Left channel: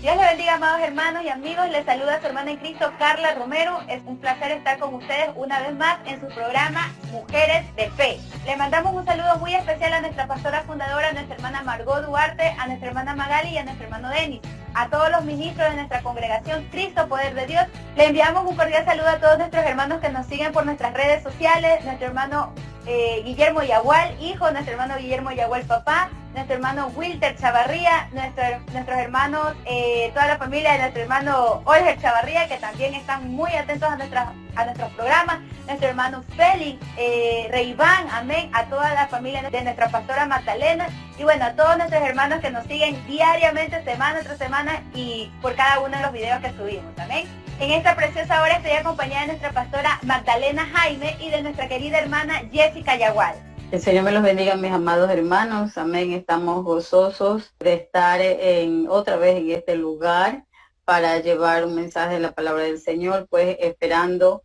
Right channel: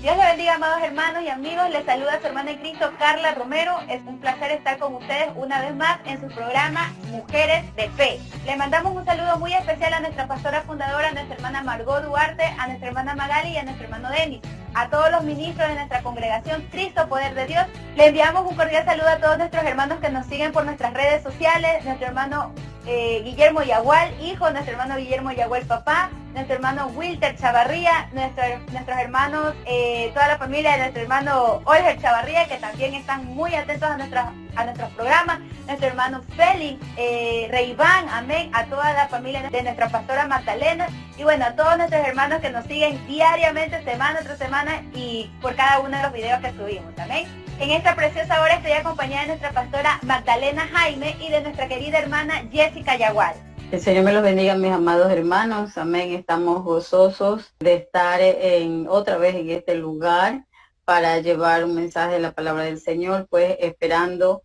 Dios les bendiga, amados hermanos y amigos. Les saluda su hermana en Cristo, Carla Romero. Es un placer estar con ustedes una vez más en su programa Mujeres de Fe. Le mandamos un saludo muy especial a nuestra pastora fundadora, a nuestra hermana Margot Duarte, a nuestra hermana Magali y a nuestro hermano Denis. A todos los ministros de nuestra congregación Cristo Poder de Dios, le enviamos un cordial saludo a todos nuestros hermanos que nos siguen por nuestras redes sociales, nuestro hermano Guillermo Yagual, hijo, nuestro hermano Guillermo Yagual, papá, nuestro hermano Wilter Chavarría, nuestros hermanos, toda la familia de nuestro hermano Olger Chavarría, que también están muy atentos a nuestros programas, nuestro hermano Félix, Reiván, amén, a toda la familia de nuestra pastora Magdalena, y bueno, a todos nuestros hermanos que nos siguen diariamente, semana tras semana, y por cada uno de los videos que subimos, amén. En esta preciosa hora estoy acompañada de nuestra pastora Magdalena Jaime y de nuestra querida hermana Jessica Yagual. El Señor me los bendiga, mis amados hermanos. Amén. Estamos gozosos de estar otra vez en este lugar para llevar un mensaje de la palabra del Señor, pues esperando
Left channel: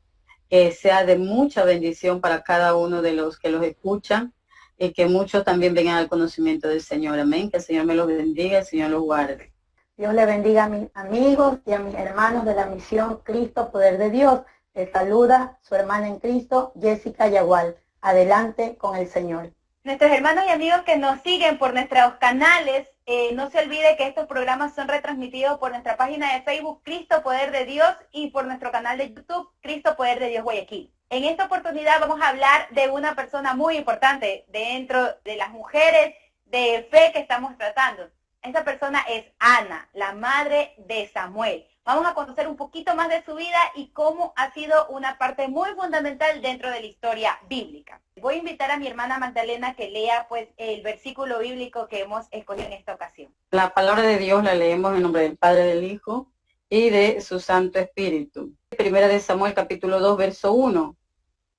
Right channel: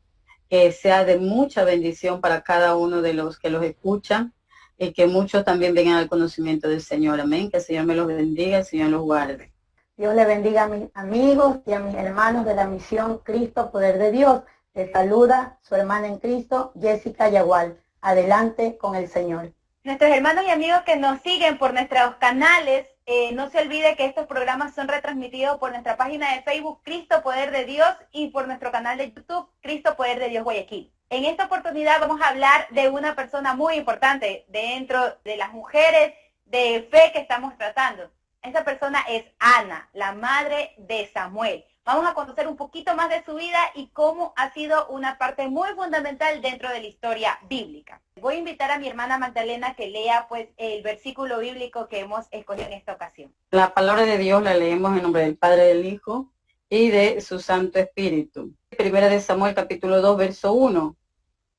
que sea de mucha bendición para cada uno de los que los escuchan y que muchos también vengan al conocimiento del Señor. Amén. Que el Señor me los bendiga, el Señor los guarde. Dios le bendiga a mis amigos y a mis hermanos de la misión Cristo Poder de Dios. Les saluda su hermana en Cristo, Jessica Yagual. Adelante con el Señor. Nuestros hermanos y amigos que nos siguen por nuestros canales, no se olvide que estos programas son retransmitidos por nuestra página de Facebook Cristo Poder de Dios y por nuestro canal de YouTube Cristo Poder de Dios Guayaquil. En esta oportunidad vamos a hablar de una persona muy importante dentro de las mujeres de fe que estamos tratando. Esta persona es Ana, la madre de Samuel. Vamos a conocer un poquito más de su vida y cómo ha sido una parte muy fundamental dentro de la historia bíblica. Voy a invitar a mi hermana Magdalena que lea pues el versículo bíblico que hemos escogido en esta ocasión. La palabra de Dios la leemos en nombre del Padre, del Hijo y de su Santo Espíritu. Primera de Samuel capítulo 2, verso 1.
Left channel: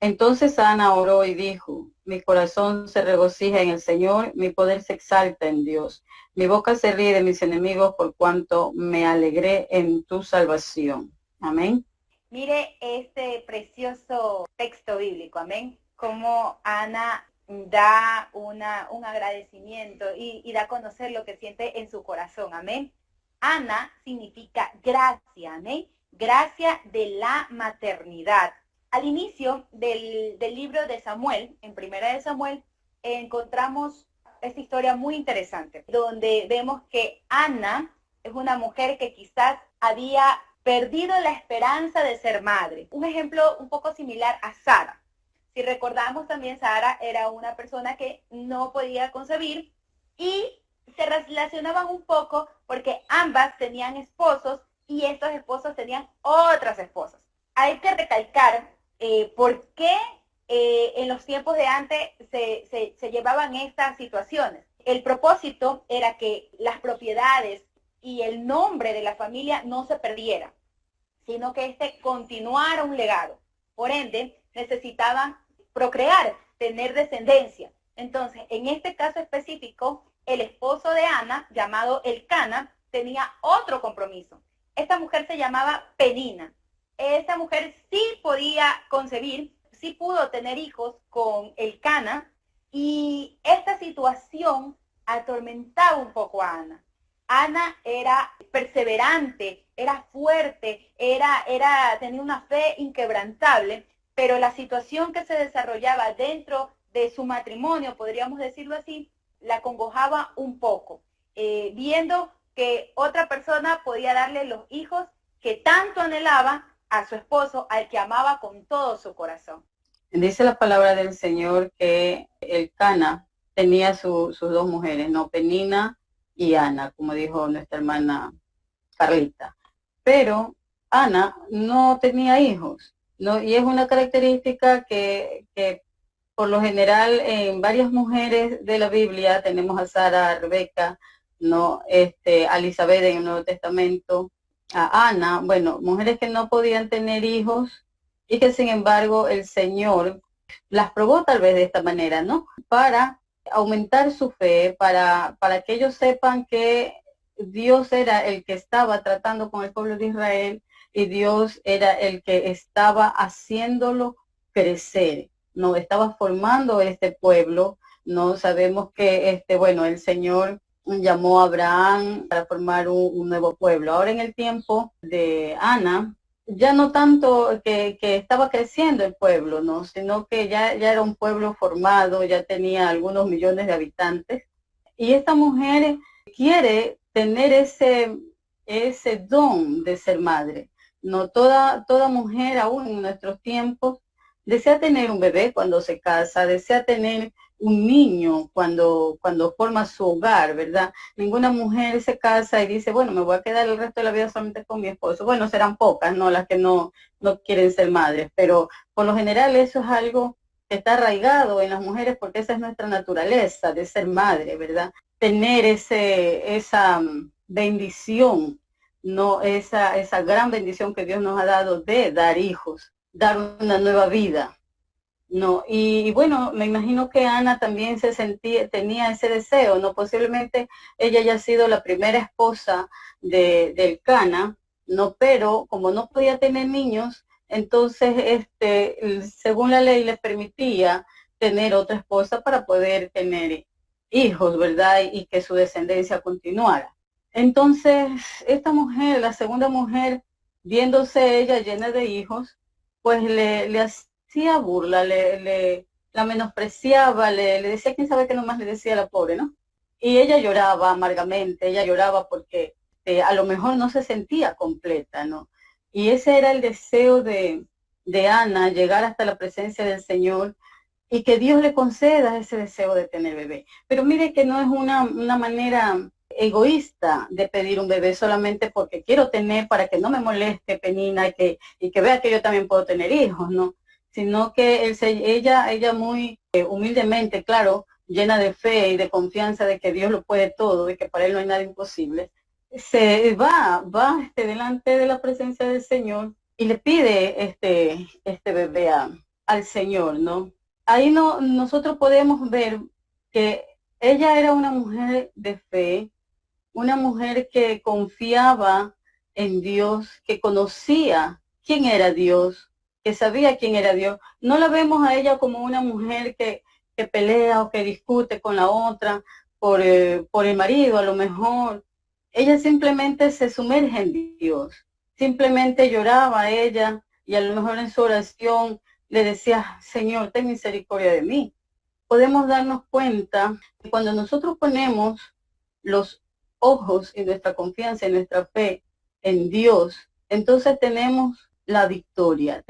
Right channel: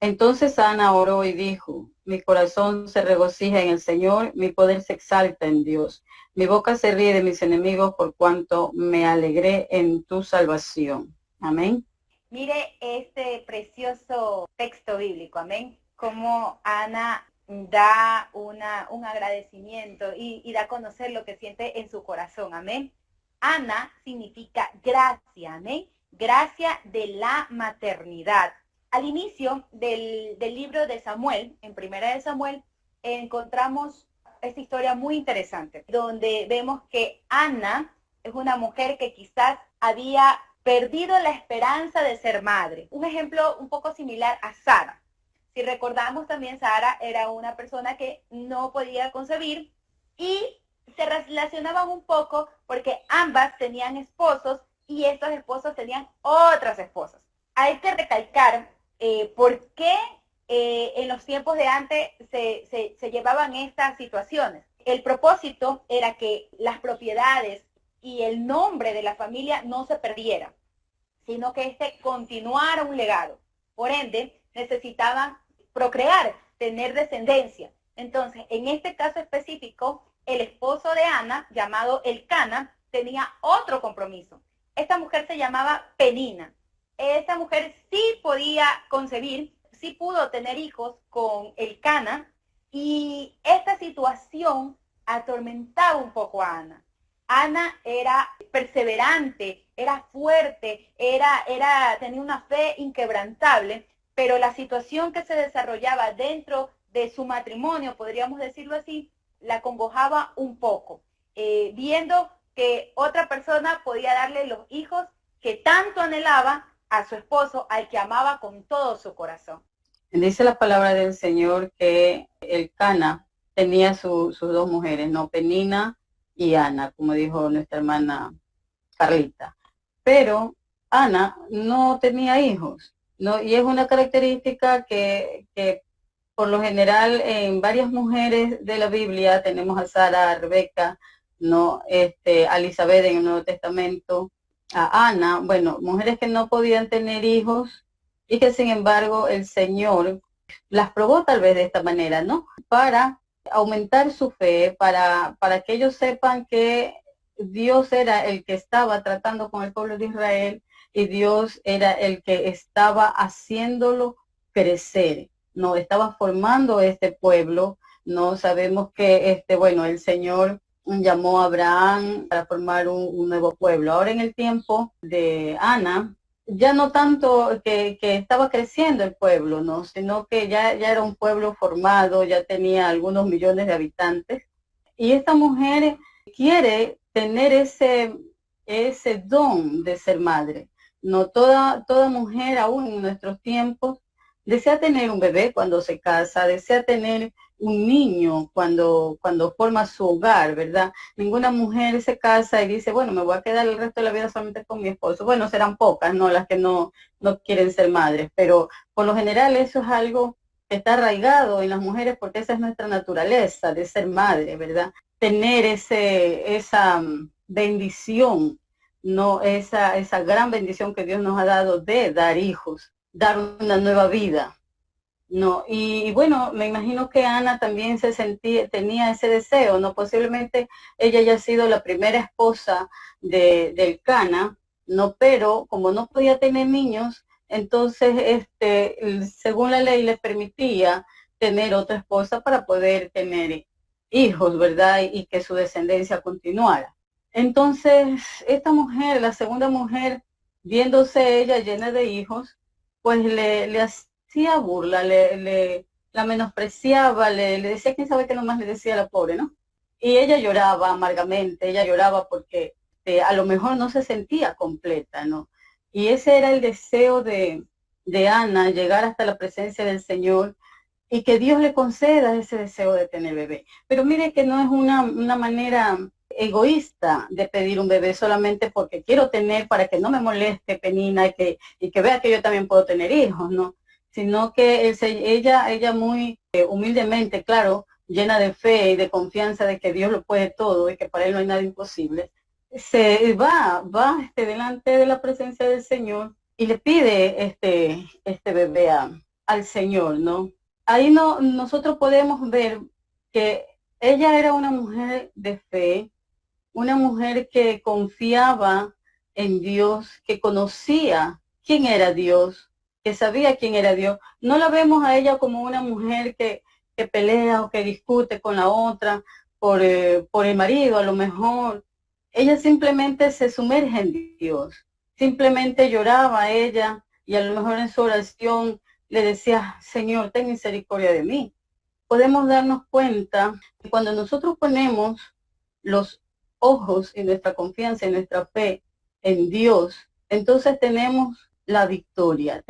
Entonces Ana oró y dijo: mi corazón se regocija en el Señor, mi poder se exalta en Dios. Mi boca se ríe de mis enemigos por cuanto me alegré en tu salvación. Amén. Mire este precioso texto bíblico, amén. Como Ana da un agradecimiento y da a conocer lo que siente en su corazón, amén. Ana significa gracia, amén. Gracia de la maternidad. Al inicio del libro de Samuel, en Primera de Samuel, encontramos esta historia muy interesante, donde vemos que Ana es una mujer que quizás había perdido la esperanza de ser madre. Un ejemplo un poco similar a Sara. Si recordamos también, Sara era una persona que no podía concebir y se relacionaban un poco porque ambas tenían esposos y estos esposos tenían otras esposas. Hay que recalcar por qué en los tiempos de antes se llevaban estas situaciones. El propósito era que las propiedades y el nombre de la familia no se perdiera, sino que continuara un legado. Por ende, necesitaban procrear, tener descendencia. Entonces, en este caso específico, el esposo de Ana, llamado Elcana, tenía otro compromiso. Esta mujer se llamaba Penina. Esta mujer sí podía concebir, sí pudo tener hijos con Elcana, y esta situación atormentaba un poco a Ana. Ana era perseverante, era fuerte, tenía una fe inquebrantable, pero la situación que se desarrollaba dentro de su matrimonio, podríamos decirlo así, la acongojaba un poco, viendo que otra persona podía darle los hijos que tanto anhelaba a su esposo, al que amaba con todo su corazón. Dice la palabra del Señor que Elcana tenía sus dos mujeres, ¿no? Penina y Ana, como dijo nuestra hermana Carlita. Pero Ana no tenía hijos, ¿no? Y es una característica que por lo general en varias mujeres de la Biblia, tenemos a Sara, a Rebeca, ¿no? A Elizabeth en el Nuevo Testamento, a Ana, bueno, mujeres que no podían tener hijos y que sin embargo el Señor las probó tal vez de esta manera, ¿no? Para aumentar su fe, para que ellos sepan que Dios era el que estaba tratando con el pueblo de Israel y Dios era el que estaba haciéndolo crecer, no estaba formando este pueblo. No sabemos que bueno, el Señor llamó a Abraham para formar un nuevo pueblo. Ahora en el tiempo de Ana, ya no tanto que estaba creciendo el pueblo, ¿no? Sino que ya era un pueblo formado, ya tenía algunos millones de habitantes. Y esta mujer quiere tener ese don de ser madre. No toda mujer, aún en nuestros tiempos, desea tener un bebé cuando se casa, desea tener un niño cuando forma su hogar, ¿verdad? Ninguna mujer se casa y dice, bueno, me voy a quedar el resto de la vida solamente con mi esposo. Bueno, serán pocas, ¿no? Las que no quieren ser madres, pero por lo general eso es algo que está arraigado en las mujeres porque esa es nuestra naturaleza de ser madre, ¿verdad? Tener esa bendición, no esa gran bendición que Dios nos ha dado de dar hijos, dar una nueva vida. No, y bueno, me imagino que Ana también tenía ese deseo, ¿no? Posiblemente ella haya sido la primera esposa del Cana, ¿no? Pero como no podía tener niños, entonces, según la ley les permitía tener otra esposa para poder tener hijos, ¿verdad? Y que su descendencia continuara. Entonces, esta mujer, la segunda mujer, viéndose ella llena de hijos, pues le hacía burla, la menospreciaba, le decía, quién sabe qué nomás le decía a la pobre, ¿no? Y ella lloraba amargamente, ella lloraba porque a lo mejor no se sentía completa, ¿no? Y ese era el deseo de Ana, llegar hasta la presencia del Señor y que Dios le conceda ese deseo de tener bebé. Pero mire que no es una manera egoísta de pedir un bebé solamente porque quiero tener para que no me moleste Penina y que vea que yo también puedo tener hijos, ¿no? Sino que ella muy humildemente, claro, llena de fe y de confianza de que Dios lo puede todo y que para él no hay nada imposible, se va delante de la presencia del Señor y le pide este bebé al Señor, ¿no? Ahí nosotros podemos ver que ella era una mujer de fe, una mujer que confiaba en Dios, que conocía quién era Dios, que sabía quién era Dios. No la vemos a ella como una mujer que pelea o que discute con la otra por el marido, a lo mejor. Ella simplemente se sumerge en Dios, simplemente lloraba a ella y a lo mejor en su oración le decía, Señor, ten misericordia de mí. Podemos darnos cuenta que cuando nosotros ponemos los ojos y nuestra confianza y nuestra fe en Dios, entonces tenemos la victoria,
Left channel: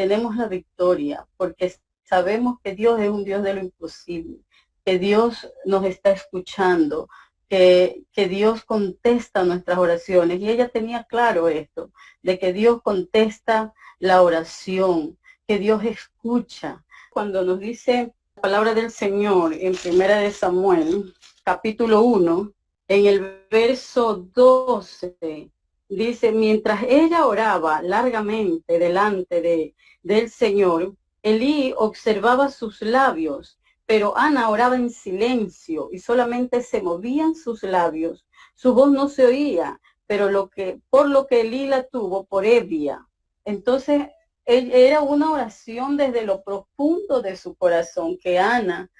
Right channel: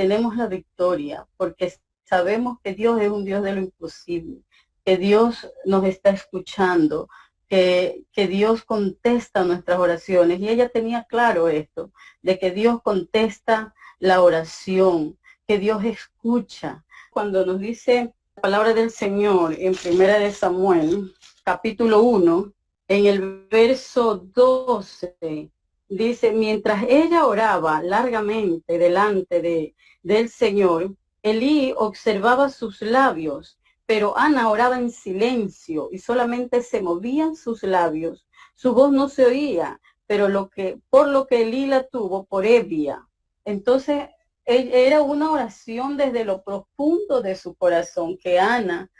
porque sabemos que Dios es un Dios de lo imposible, que Dios nos está escuchando, que Dios contesta nuestras oraciones. Y ella tenía claro esto, de que Dios contesta la oración, que Dios escucha. Cuando nos dice la palabra del Señor en 1 Samuel, capítulo 1, en el verso 12, dice, mientras ella oraba largamente delante del Señor, Elí observaba sus labios, pero Ana oraba en silencio y solamente se movían sus labios. Su voz no se oía, pero por lo que Elí la tuvo por ebria. Entonces, era una oración desde lo profundo de su corazón que Ana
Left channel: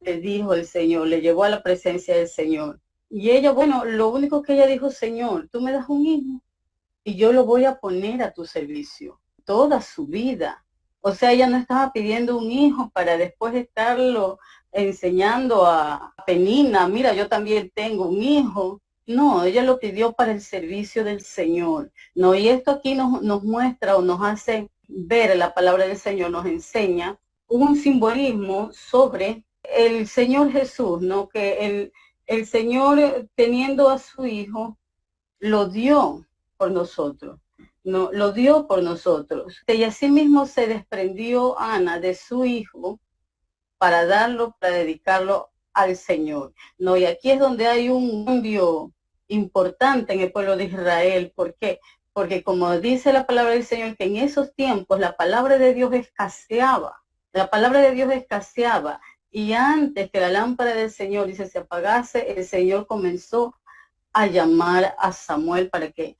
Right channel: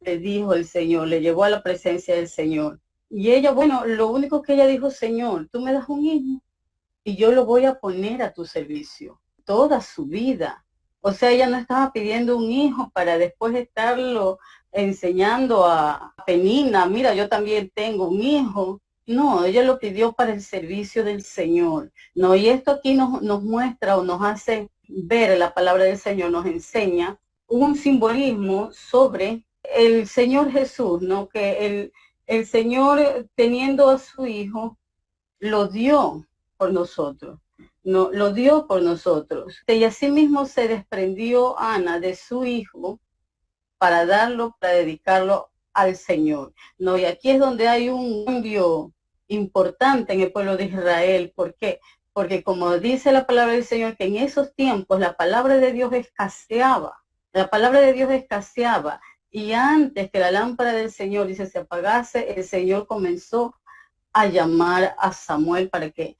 le dijo al Señor, le llevó a la presencia del Señor. Y ella, bueno, lo único que ella dijo, Señor, tú me das un hijo y yo lo voy a poner a tu servicio toda su vida. O sea, ella no estaba pidiendo un hijo para después estarlo enseñando a Penina, mira, yo también tengo un hijo. No, ella lo pidió para el servicio del Señor. No, y esto aquí nos muestra o nos hace ver la palabra del Señor, nos enseña un simbolismo sobre el Señor Jesús, ¿no? Que el Señor, teniendo a su hijo, lo dio por nosotros. No, lo dio por nosotros. Y asimismo se desprendió Ana de su hijo para dedicarlo al Señor. No, y aquí es donde hay un cambio importante en el pueblo de Israel. ¿Por qué? Porque como dice la palabra del Señor, que en esos tiempos la palabra de Dios escaseaba. La palabra de Dios escaseaba. Y antes que la lámpara del Señor, dice, se apagase, el Señor comenzó a llamar a Samuel para que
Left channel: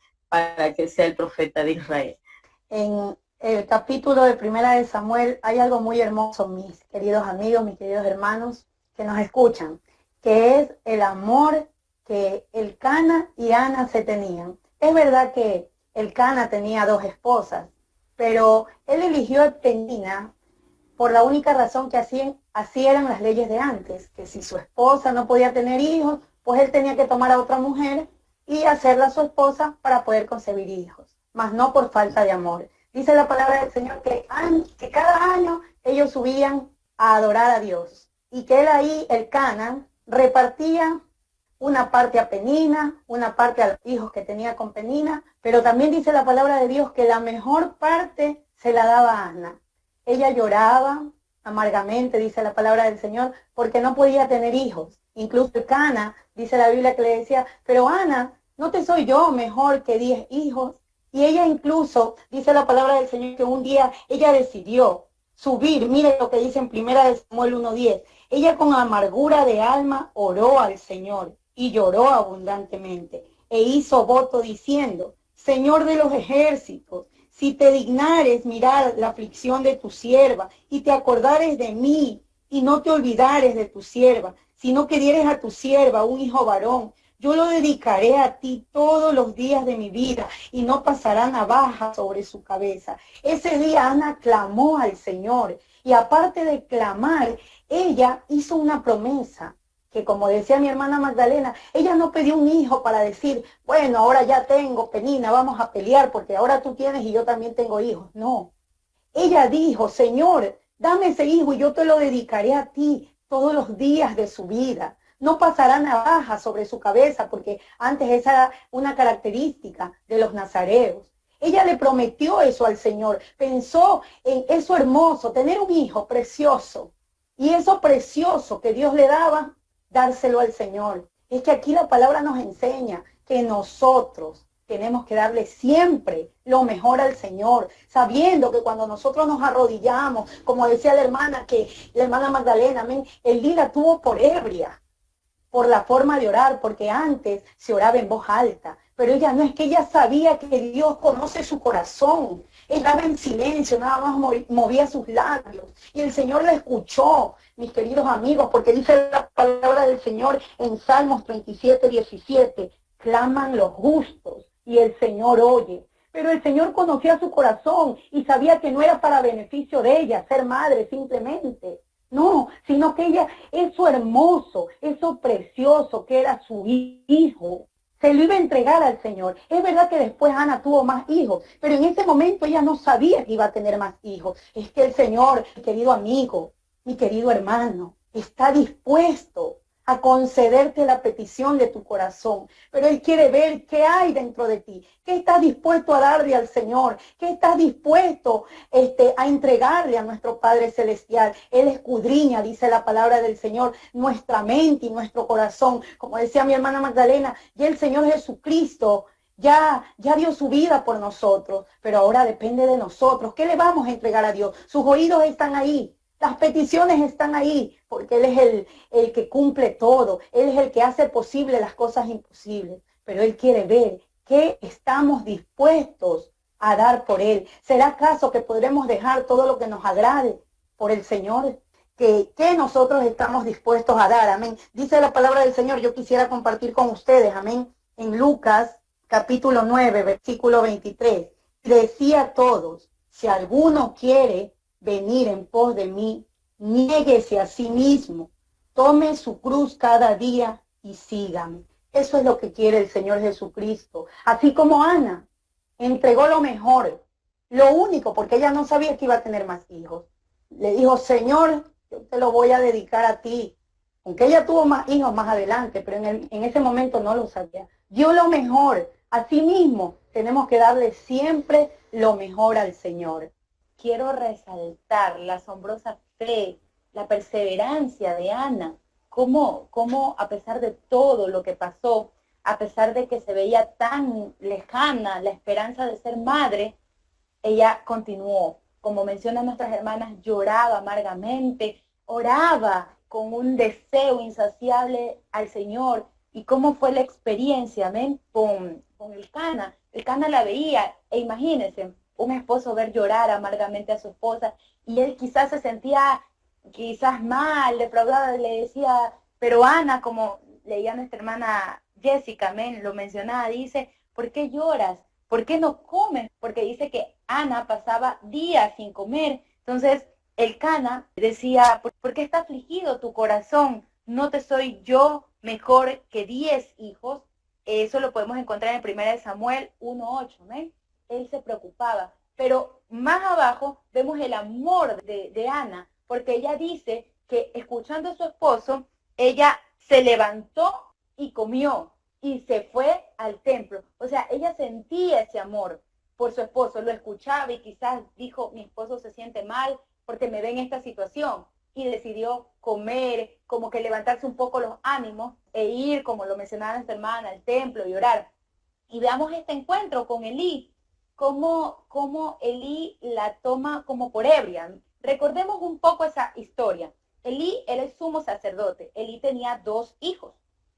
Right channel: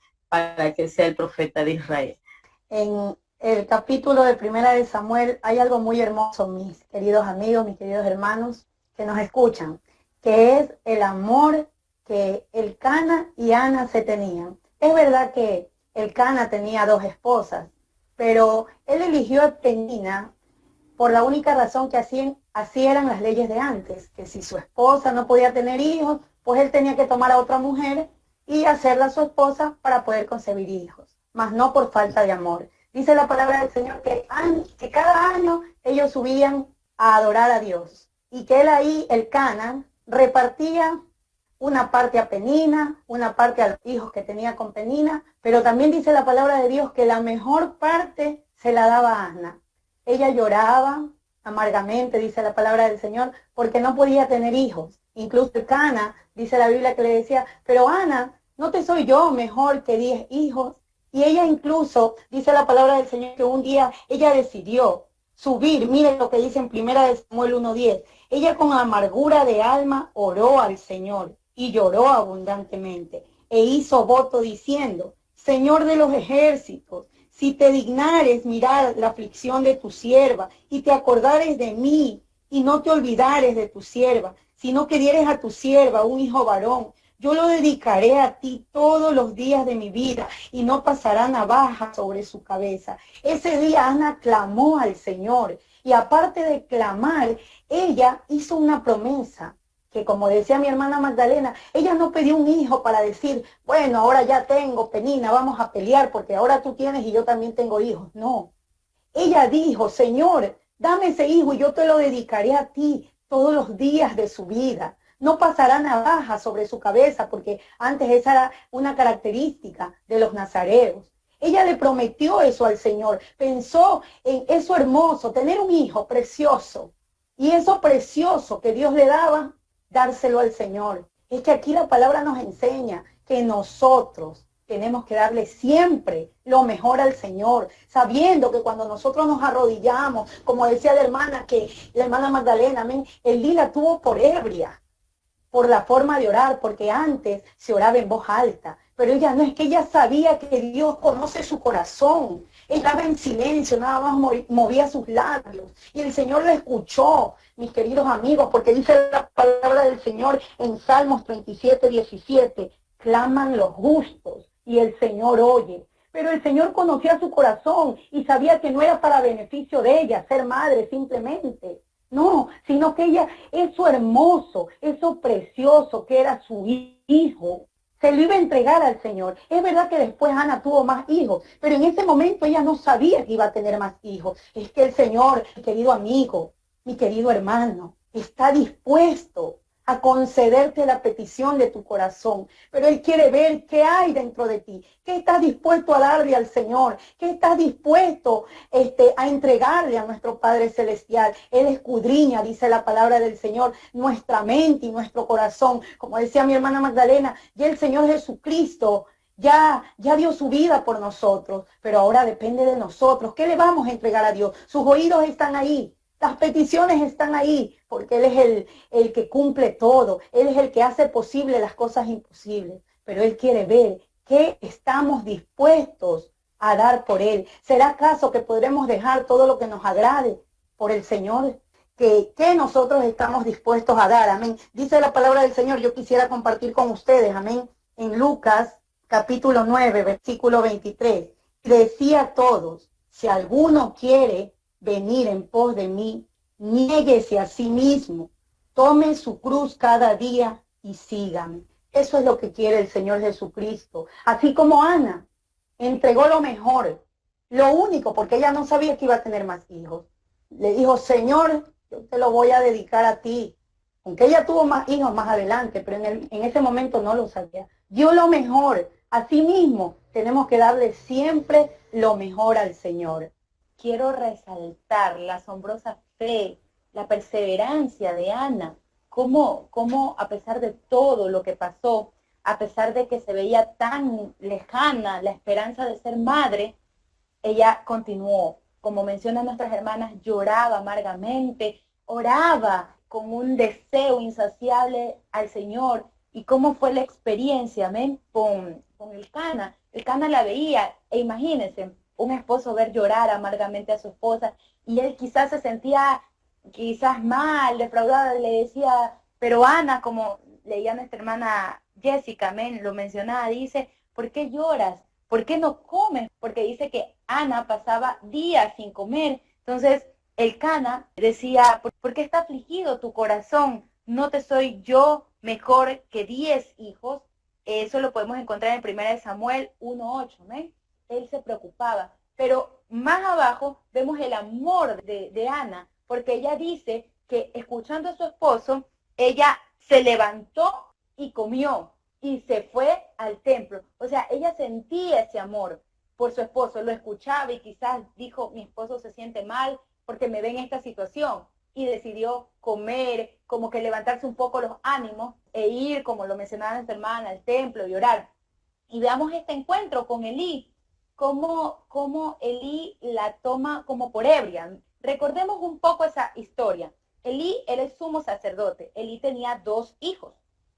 sea el profeta de Israel. En el capítulo de 1 Samuel hay algo muy hermoso, mis queridos amigos, mis queridos hermanos que nos escuchan, que es el amor que Elcana y Ana se tenían. Es verdad que Elcana tenía 2 esposas, pero él eligió a Penina por la única razón que así eran las leyes de antes, que si su esposa no podía tener hijos, pues él tenía que tomar a otra mujer y hacerla su esposa para poder concebir hijos, mas no por falta de amor. Dice la palabra del Señor que cada año ellos subían a adorar a Dios y que él ahí, Elcana, repartía una parte a Penina, una parte a los hijos que tenía con Penina, pero también dice la palabra de Dios que la mejor parte se la daba a Ana. Ella lloraba amargamente, dice la palabra del Señor, porque no podía tener hijos. Incluso Elcana, dice la Biblia que le decía, pero Ana, ¿no te soy yo mejor que 10 hijos? Y ella incluso, dice la palabra del Señor, que un día ella decidió subir, miren lo que dice en 1 Samuel 1:10, ella con amargura de alma oró al Señor y lloró abundantemente e hizo voto diciendo, Señor de los ejércitos, si te dignares mirar la aflicción de tu sierva y te acordares de mí y no te olvidares de tu sierva, sino que dieres a tu sierva un hijo varón, yo lo dedicaré a ti todos los días de mi vida y no pasará navaja sobre su cabeza. Ese día Ana clamó al Señor y aparte de clamar, ella hizo una promesa que, como decía mi hermana Magdalena, ella no pidió un hijo para decir, bueno, ahora ya tengo, Penina, vamos a pelear porque ahora tú tienes y yo también tengo hijos. No, ella dijo, Señor, dame ese hijo y yo te lo dedicaré a ti todos los días de su vida. No pasará navaja sobre su cabeza, porque antes esa era una característica de los nazareos. Ella le prometió eso al Señor, pensó en eso hermoso, tener un hijo precioso. Y eso precioso que Dios le daba, dárselo al Señor. Es que aquí la palabra nos enseña que nosotros tenemos que darle siempre lo mejor al Señor, sabiendo que cuando nosotros nos arrodillamos, como decía la hermana Magdalena, amén, Elí la tuvo por ebria, por la forma de orar, porque antes se oraba en voz alta, pero ella no, es que ella sabía que Dios conoce su corazón. Estaba en silencio, nada más movía sus labios y el Señor la escuchó, mis queridos amigos, porque dice la palabra del Señor en Salmos 37:17, claman los justos y el Señor oye. Pero el Señor conocía su corazón y sabía que no era para beneficio de ella ser madre simplemente. No, sino que ella, eso hermoso, eso precioso que era su hijo, se lo iba a entregar al Señor. Es verdad que después Ana tuvo más hijos, pero en ese momento ella no sabía que iba a tener más hijos. Es que el Señor, mi querido amigo, mi querido hermano, está dispuesto a concederte la petición de tu corazón, pero Él quiere ver qué hay dentro de ti, qué estás dispuesto a darle al Señor, qué estás dispuesto a entregarle a nuestro Padre Celestial. Él escudriña, dice la palabra del Señor, nuestra mente y nuestro corazón. Como decía mi hermana Magdalena, ya el Señor Jesucristo ya dio su vida por nosotros, pero ahora depende de nosotros. ¿Qué le vamos a entregar a Dios? Sus oídos están ahí. Las peticiones están ahí porque Él es el que cumple todo. Él es el que hace posible las cosas imposibles. Pero Él quiere ver qué estamos dispuestos a dar por Él. ¿Será acaso que podremos dejar todo lo que nos agrade por el Señor? ¿Qué nosotros estamos dispuestos a dar? Amén. Dice la palabra del Señor, yo quisiera compartir con ustedes, amén, en Lucas capítulo 9, versículo 23. Decía a todos, si alguno quiere venir en pos de mí, niéguese a sí mismo, tome su cruz cada día y sígame. Eso es lo que quiere el Señor Jesucristo. Así como Ana entregó lo mejor, lo único, porque ella no sabía que iba a tener más hijos. Le dijo, Señor, yo te lo voy a dedicar a ti. Aunque ella tuvo más hijos más adelante, pero en ese momento no lo sabía. Dio lo mejor. Así mismo tenemos que darle siempre lo mejor al Señor. Quiero resaltar la asombrosa fe, la perseverancia de Ana, cómo a pesar de todo lo que pasó, a pesar de que se veía tan lejana la esperanza de ser madre, ella continuó. Como mencionan nuestras hermanas, lloraba amargamente, oraba con un deseo insaciable al Señor. ¿Y cómo fue la experiencia, amén? Con Elcana. Elcana la veía, e imagínense, un esposo ver llorar amargamente a su esposa, y él quizás se sentía mal, defraudada, le decía, pero Ana, como leía nuestra hermana Jessica, amén, lo mencionaba, dice, ¿por qué lloras? ¿Por qué no comes? Porque dice que Ana pasaba días sin comer. Entonces, el Cana decía, ¿por qué está afligido tu corazón? ¿No te soy yo mejor que 10 hijos? Eso lo podemos encontrar en 1 Samuel 1:8, ¿ven? Él se preocupaba. Pero más abajo vemos el amor de Ana, porque ella dice que escuchando a su esposo, ella se levantó y comió y se fue al templo. O sea, ella sentía ese amor por su esposo, lo escuchaba y quizás dijo, mi esposo se siente mal porque me ve en esta situación, y decidió comer, como que levantarse un poco los ánimos e ir, como lo mencionaba nuestra hermana, al templo y orar. Y veamos este encuentro con Elí, cómo Elí la toma como por ebria. Recordemos un poco esa historia. Elí era el sumo sacerdote. Elí tenía 2 hijos.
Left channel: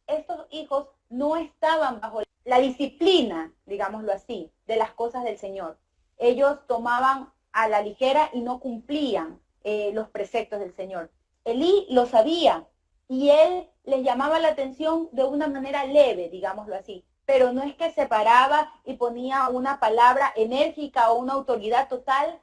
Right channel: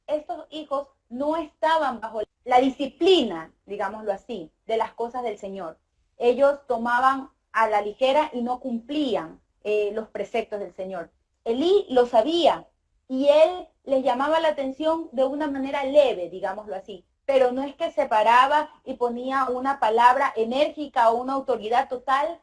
Estos hijos no estaban bajo la disciplina, digámoslo así, de las cosas del Señor. Ellos tomaban a la ligera y no cumplían los preceptos del Señor. Elí lo sabía y él les llamaba la atención de una manera leve, digámoslo así, pero no es que se paraba y ponía una palabra enérgica o una autoridad total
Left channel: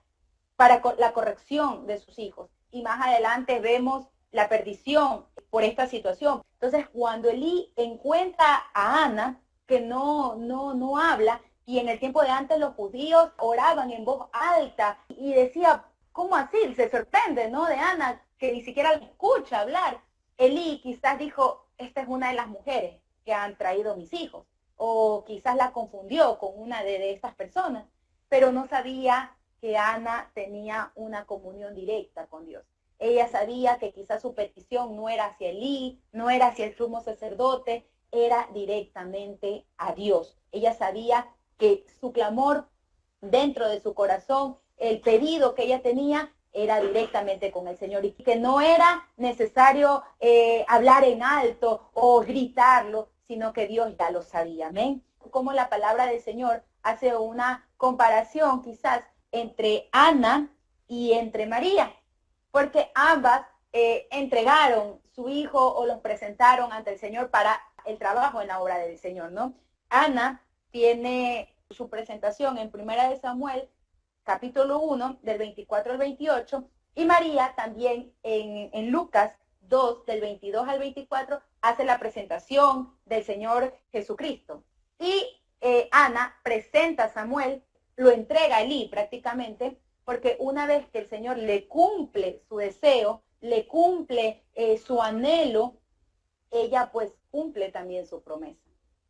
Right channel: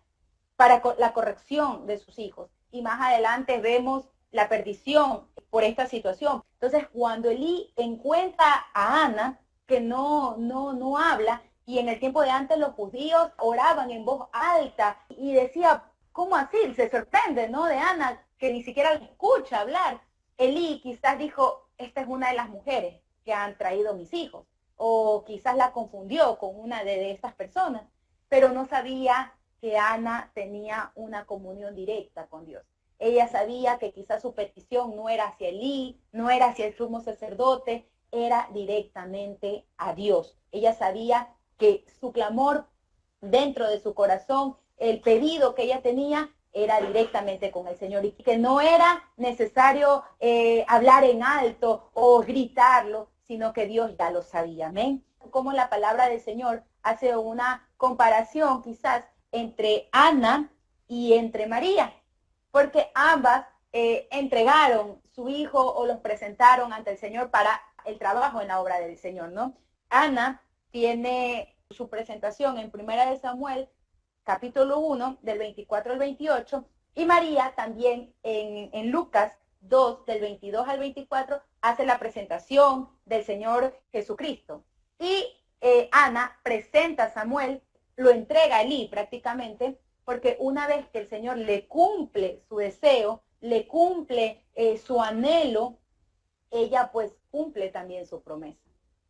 para la corrección de sus hijos. Y más adelante vemos la perdición por esta situación. Entonces, cuando Elí encuentra a Ana, que no habla, y en el tiempo de antes los judíos oraban en voz alta y decía, ¿cómo así? Se sorprende, ¿no? De Ana, que ni siquiera la escucha hablar. Elí quizás dijo, esta es una de las mujeres que han traído mis hijos, o quizás la confundió con una de estas personas, pero no sabía que Ana tenía una comunión directa con Dios. Ella sabía que quizás su petición no era hacia Elí, no era hacia el sumo sacerdote, era directamente a Dios. Ella sabía que su clamor dentro de su corazón, el pedido que ella tenía, era directamente con el Señor y que no era necesario hablar en alto o gritarlo, sino que Dios ya lo sabía. Amén. Como la palabra del Señor hace una comparación quizás entre Ana y entre María, porque ambas entregaron su hijo o los presentaron ante el Señor para el trabajo en la obra del Señor, ¿no? Ana tiene su presentación en 1 Samuel, capítulo 1, del 24 al 28, y María también en Lucas 2, del 22 al 24, hace la presentación del Señor Jesucristo. Y Ana presenta a Samuel, lo entrega a Elí prácticamente, porque una vez que el Señor le cumple su deseo, le cumple su anhelo, ella pues cumple también su promesa.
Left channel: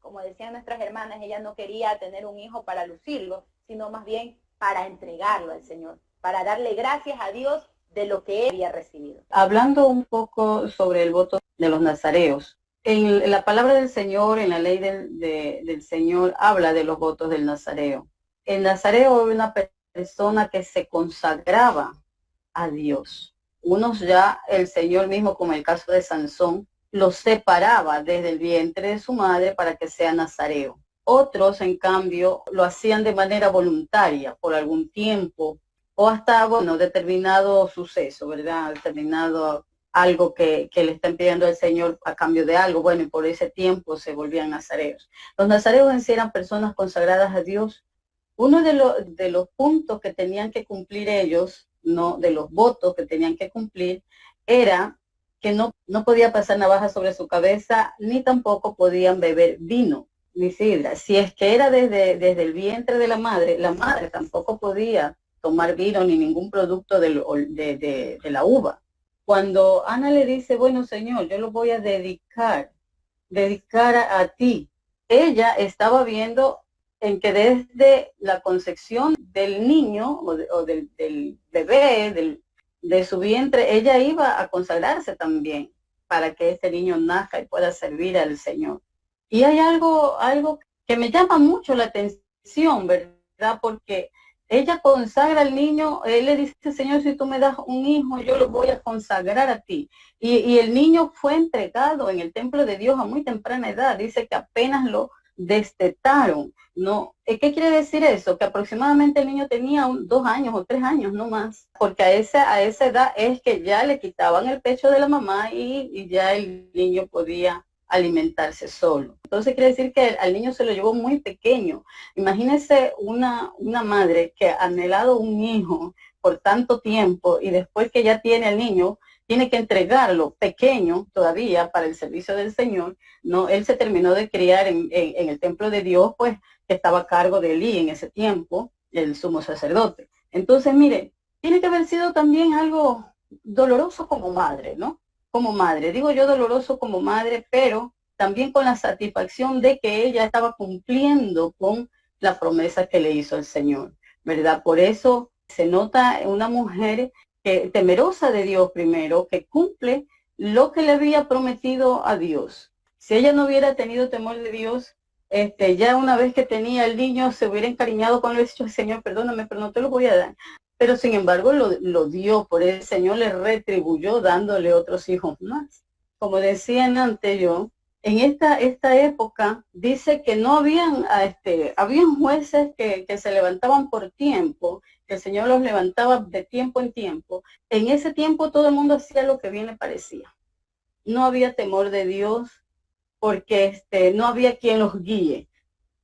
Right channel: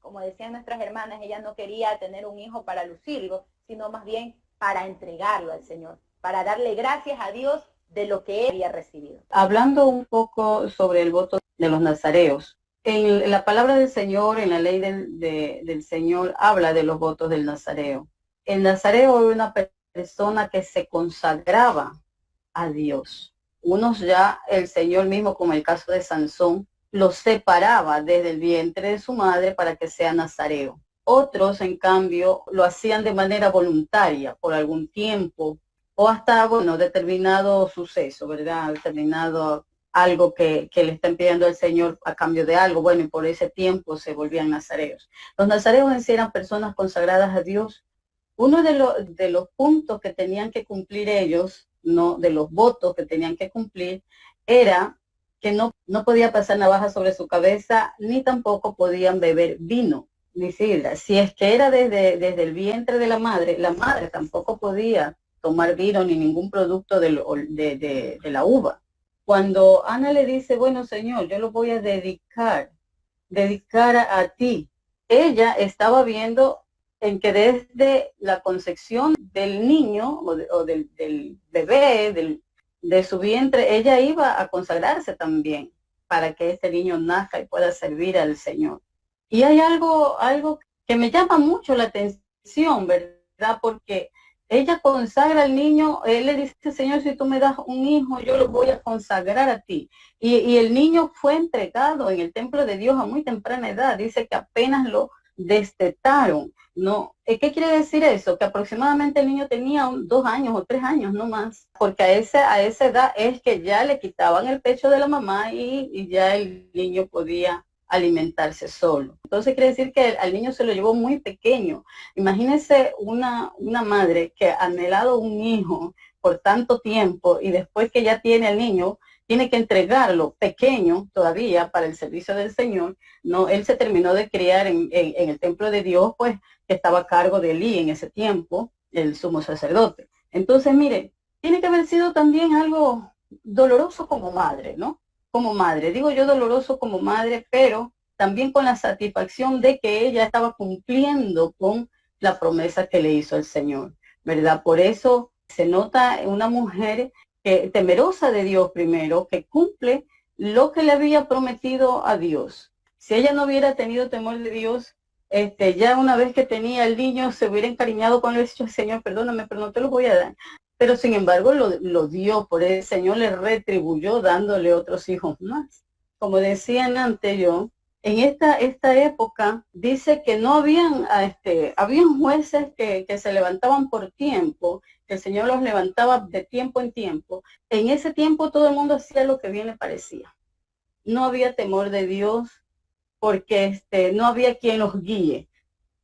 Como decían nuestras hermanas, ella no quería tener un hijo para lucirlo, sino más bien para entregarlo al Señor, para darle gracias a Dios de lo que él había recibido. Hablando un poco sobre el voto de los nazareos, en la palabra del Señor, en la ley del Señor, habla de los votos del nazareo. El nazareo es una persona que se consagraba a Dios. Unos ya el Señor mismo, como el caso de Sansón, los separaba desde el vientre de su madre para que sea nazareo. Otros, en cambio, lo hacían de manera voluntaria por algún tiempo o hasta, bueno, determinado suceso, ¿verdad? Determinado algo que le están pidiendo al Señor a cambio de algo, bueno, y por ese tiempo se volvían nazareos. Los nazareos en sí eran personas consagradas a Dios. Uno de los puntos que tenían que cumplir ellos, no, de los votos que tenían que cumplir, era que no podía pasar navaja sobre su cabeza, ni tampoco podían beber vino, ni sidra. Si es que era desde el vientre de la madre tampoco podía tomar vino ni ningún producto de la uva. Cuando Ana le dice, bueno, Señor, yo lo voy a dedicar a ti, ella estaba viendo en que desde la concepción del niño o del bebé, de su vientre, ella iba a consagrarse también para que este niño nazca y pueda servir al Señor. Y hay algo que me llama mucho la atención, ¿verdad? Porque ella consagra al niño, él le dice, Señor, si tú me das un hijo, yo lo voy a consagrar a ti. Y el niño fue entregado en el templo de Dios a muy temprana edad. Dice que apenas lo destetaron. No, ¿qué quiere decir eso? Que aproximadamente el niño tenía 2 años o 3 años, no más. Porque a esa edad es que ya le quitaban el pecho de la mamá y ya el niño podía alimentarse solo. Entonces quiere decir que al niño se lo llevó muy pequeño. Imagínense una madre que ha anhelado un hijo por tanto tiempo y después que ya tiene al niño, tiene que entregarlo pequeño todavía para el servicio del Señor. No, él se terminó de criar en el templo de Dios, pues, que estaba a cargo de Elí en ese tiempo, el sumo sacerdote. Entonces, mire, tiene que haber sido también algo doloroso como madre, ¿no? Como madre, digo yo doloroso como madre, pero también con la satisfacción de que ella estaba cumpliendo con la promesa que le hizo el Señor, ¿verdad? Por eso se nota una mujer que, temerosa de Dios primero, que cumple lo que le había prometido a Dios. Si ella no hubiera tenido temor de Dios, ya una vez que tenía el niño se hubiera encariñado con él, dicho, Señor, perdóname, pero no te lo voy a dar. Pero sin embargo lo dio, por el Señor le retribuyó dándole otros hijos más. Como decían antes yo, en esta época dice que no habían jueces que se levantaban por tiempo, que el Señor los levantaba de tiempo en tiempo. En ese tiempo todo el mundo hacía lo que bien le parecía. No había temor de Dios porque no había quien los guíe.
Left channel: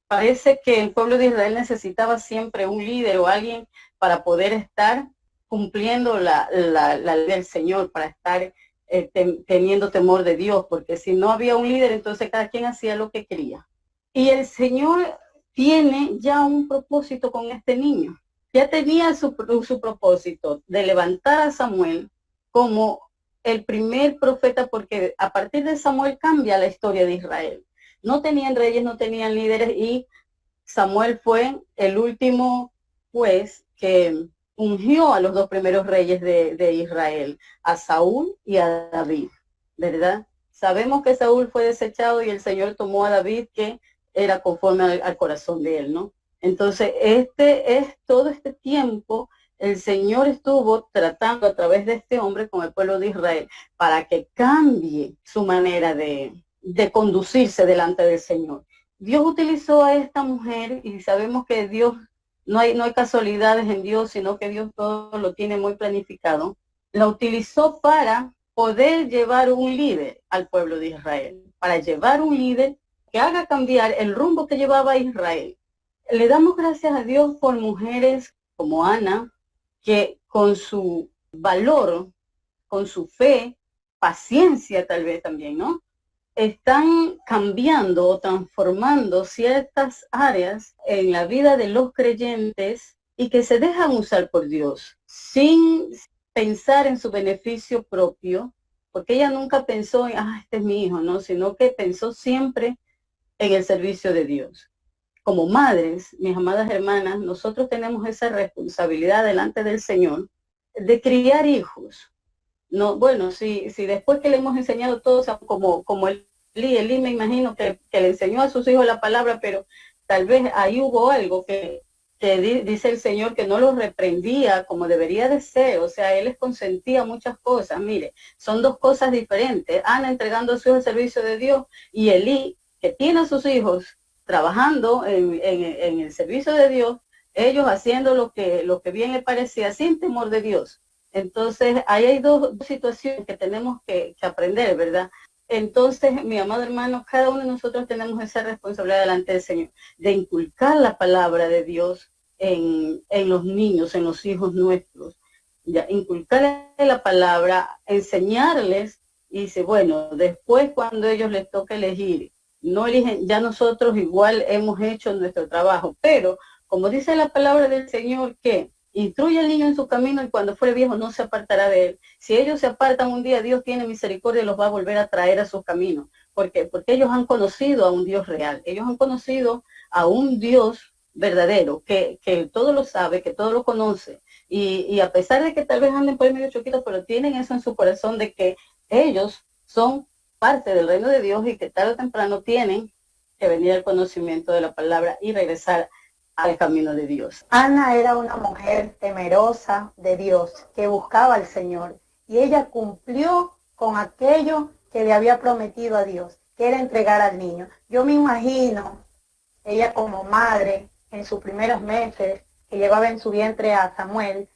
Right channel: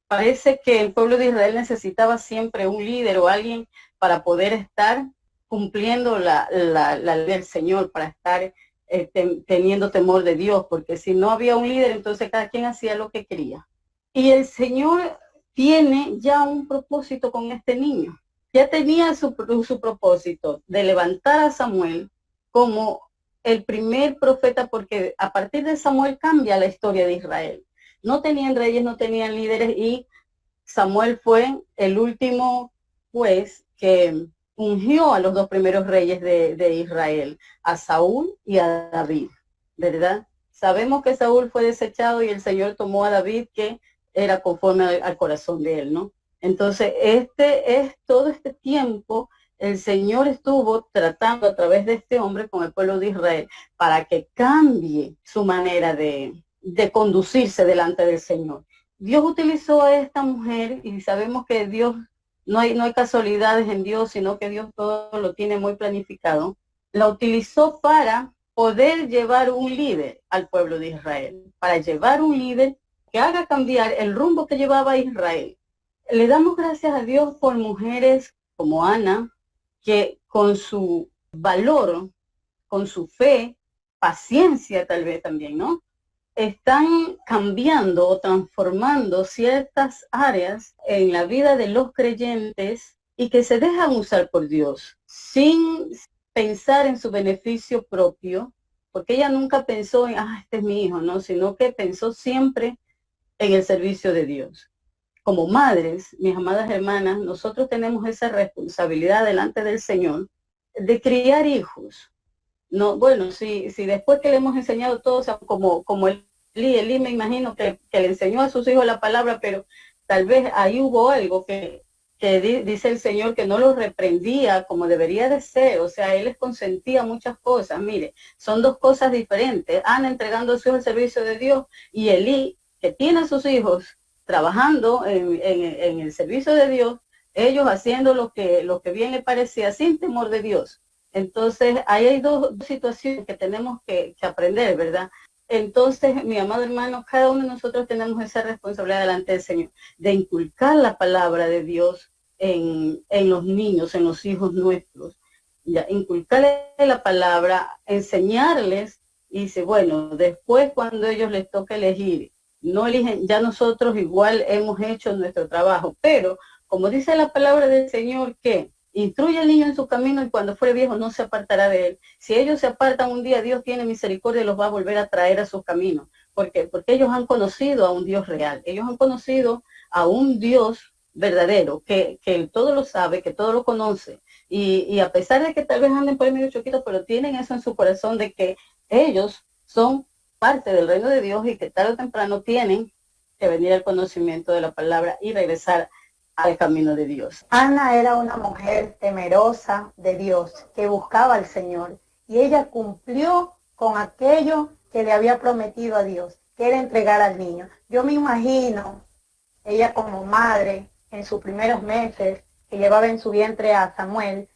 Parece que el pueblo de Israel necesitaba siempre un líder o alguien para poder estar cumpliendo la ley del Señor, para estar teniendo temor de Dios, porque si no había un líder, entonces cada quien hacía lo que quería. Y el Señor tiene ya un propósito con este niño. Ya tenía su propósito de levantar a Samuel como el primer profeta, porque a partir de Samuel cambia la historia de Israel. No tenían reyes, no tenían líderes, y Samuel fue el último juez que ungió a los dos primeros reyes de Israel, a Saúl y a David, ¿verdad? Sabemos que Saúl fue desechado y el Señor tomó a David, que era conforme al corazón de él, ¿no? Entonces, todo este tiempo el Señor estuvo tratando a través de este hombre con el pueblo de Israel para que cambie su manera de conducirse delante del Señor. Dios utilizó a esta mujer, y sabemos que Dios, no hay casualidades en Dios, sino que Dios todo lo tiene muy planificado. La utilizó para poder llevar un líder al pueblo de Israel, para llevar un líder que haga cambiar el rumbo que llevaba Israel. Le damos gracias a Dios por mujeres como Ana, que con su valor, con su fe, paciencia tal vez también, ¿no?, están cambiando o transformando ciertas áreas en la vida de los creyentes y que se dejan usar por Dios sin pensar en su beneficio propio, porque ella nunca pensó en, este es mi hijo, ¿no?, sino que pensó siempre en el servicio de Dios. Como madres, mis amadas hermanas, nosotros tenemos esa responsabilidad delante del Señor de criar hijos. No, bueno, si después que le hemos enseñado todos, como Elí me imagino que le enseñó a sus hijos la palabra, pero tal vez ahí hubo algo que dice el Señor que no los reprendía como debería de ser. O sea, Él les consentía muchas cosas. Mire, son dos cosas diferentes. Ana entregando a su hijo al servicio de Dios, y Elí, que tiene a sus hijos trabajando en el servicio de Dios, ellos haciendo lo que bien le parecía, sin temor de Dios. Entonces, ahí hay dos situaciones que tenemos que aprender, ¿verdad? Entonces, mi amado hermano, cada uno de nosotros tenemos esa responsabilidad delante del Señor, de inculcar la palabra de Dios en los niños, en los hijos nuestros. Ya, inculcarles la palabra, enseñarles, y dice, bueno, después cuando ellos les toque elegir, no eligen, ya nosotros igual hemos hecho nuestro trabajo, pero como dice la palabra del Señor, que instruye al niño en su camino y cuando fuere viejo no se apartará de él. Si ellos se apartan un día, Dios tiene misericordia y los va a volver a traer a sus caminos. ¿Por qué? Porque ellos han conocido a un Dios real. Ellos han conocido a un Dios verdadero, que todo lo sabe, que todo lo conoce. Y a pesar de que tal vez anden por ahí medio choquitos, pero tienen eso en su corazón de que ellos son parte del reino de Dios y que tarde o temprano tienen que venir al conocimiento de la palabra y regresar al camino de Dios. Ana era una mujer temerosa de Dios, que buscaba al Señor, y ella cumplió con aquello que le había prometido a Dios, que era entregar al niño. Yo me imagino, ella como madre, en sus primeros meses, que llevaba en su vientre a Samuel,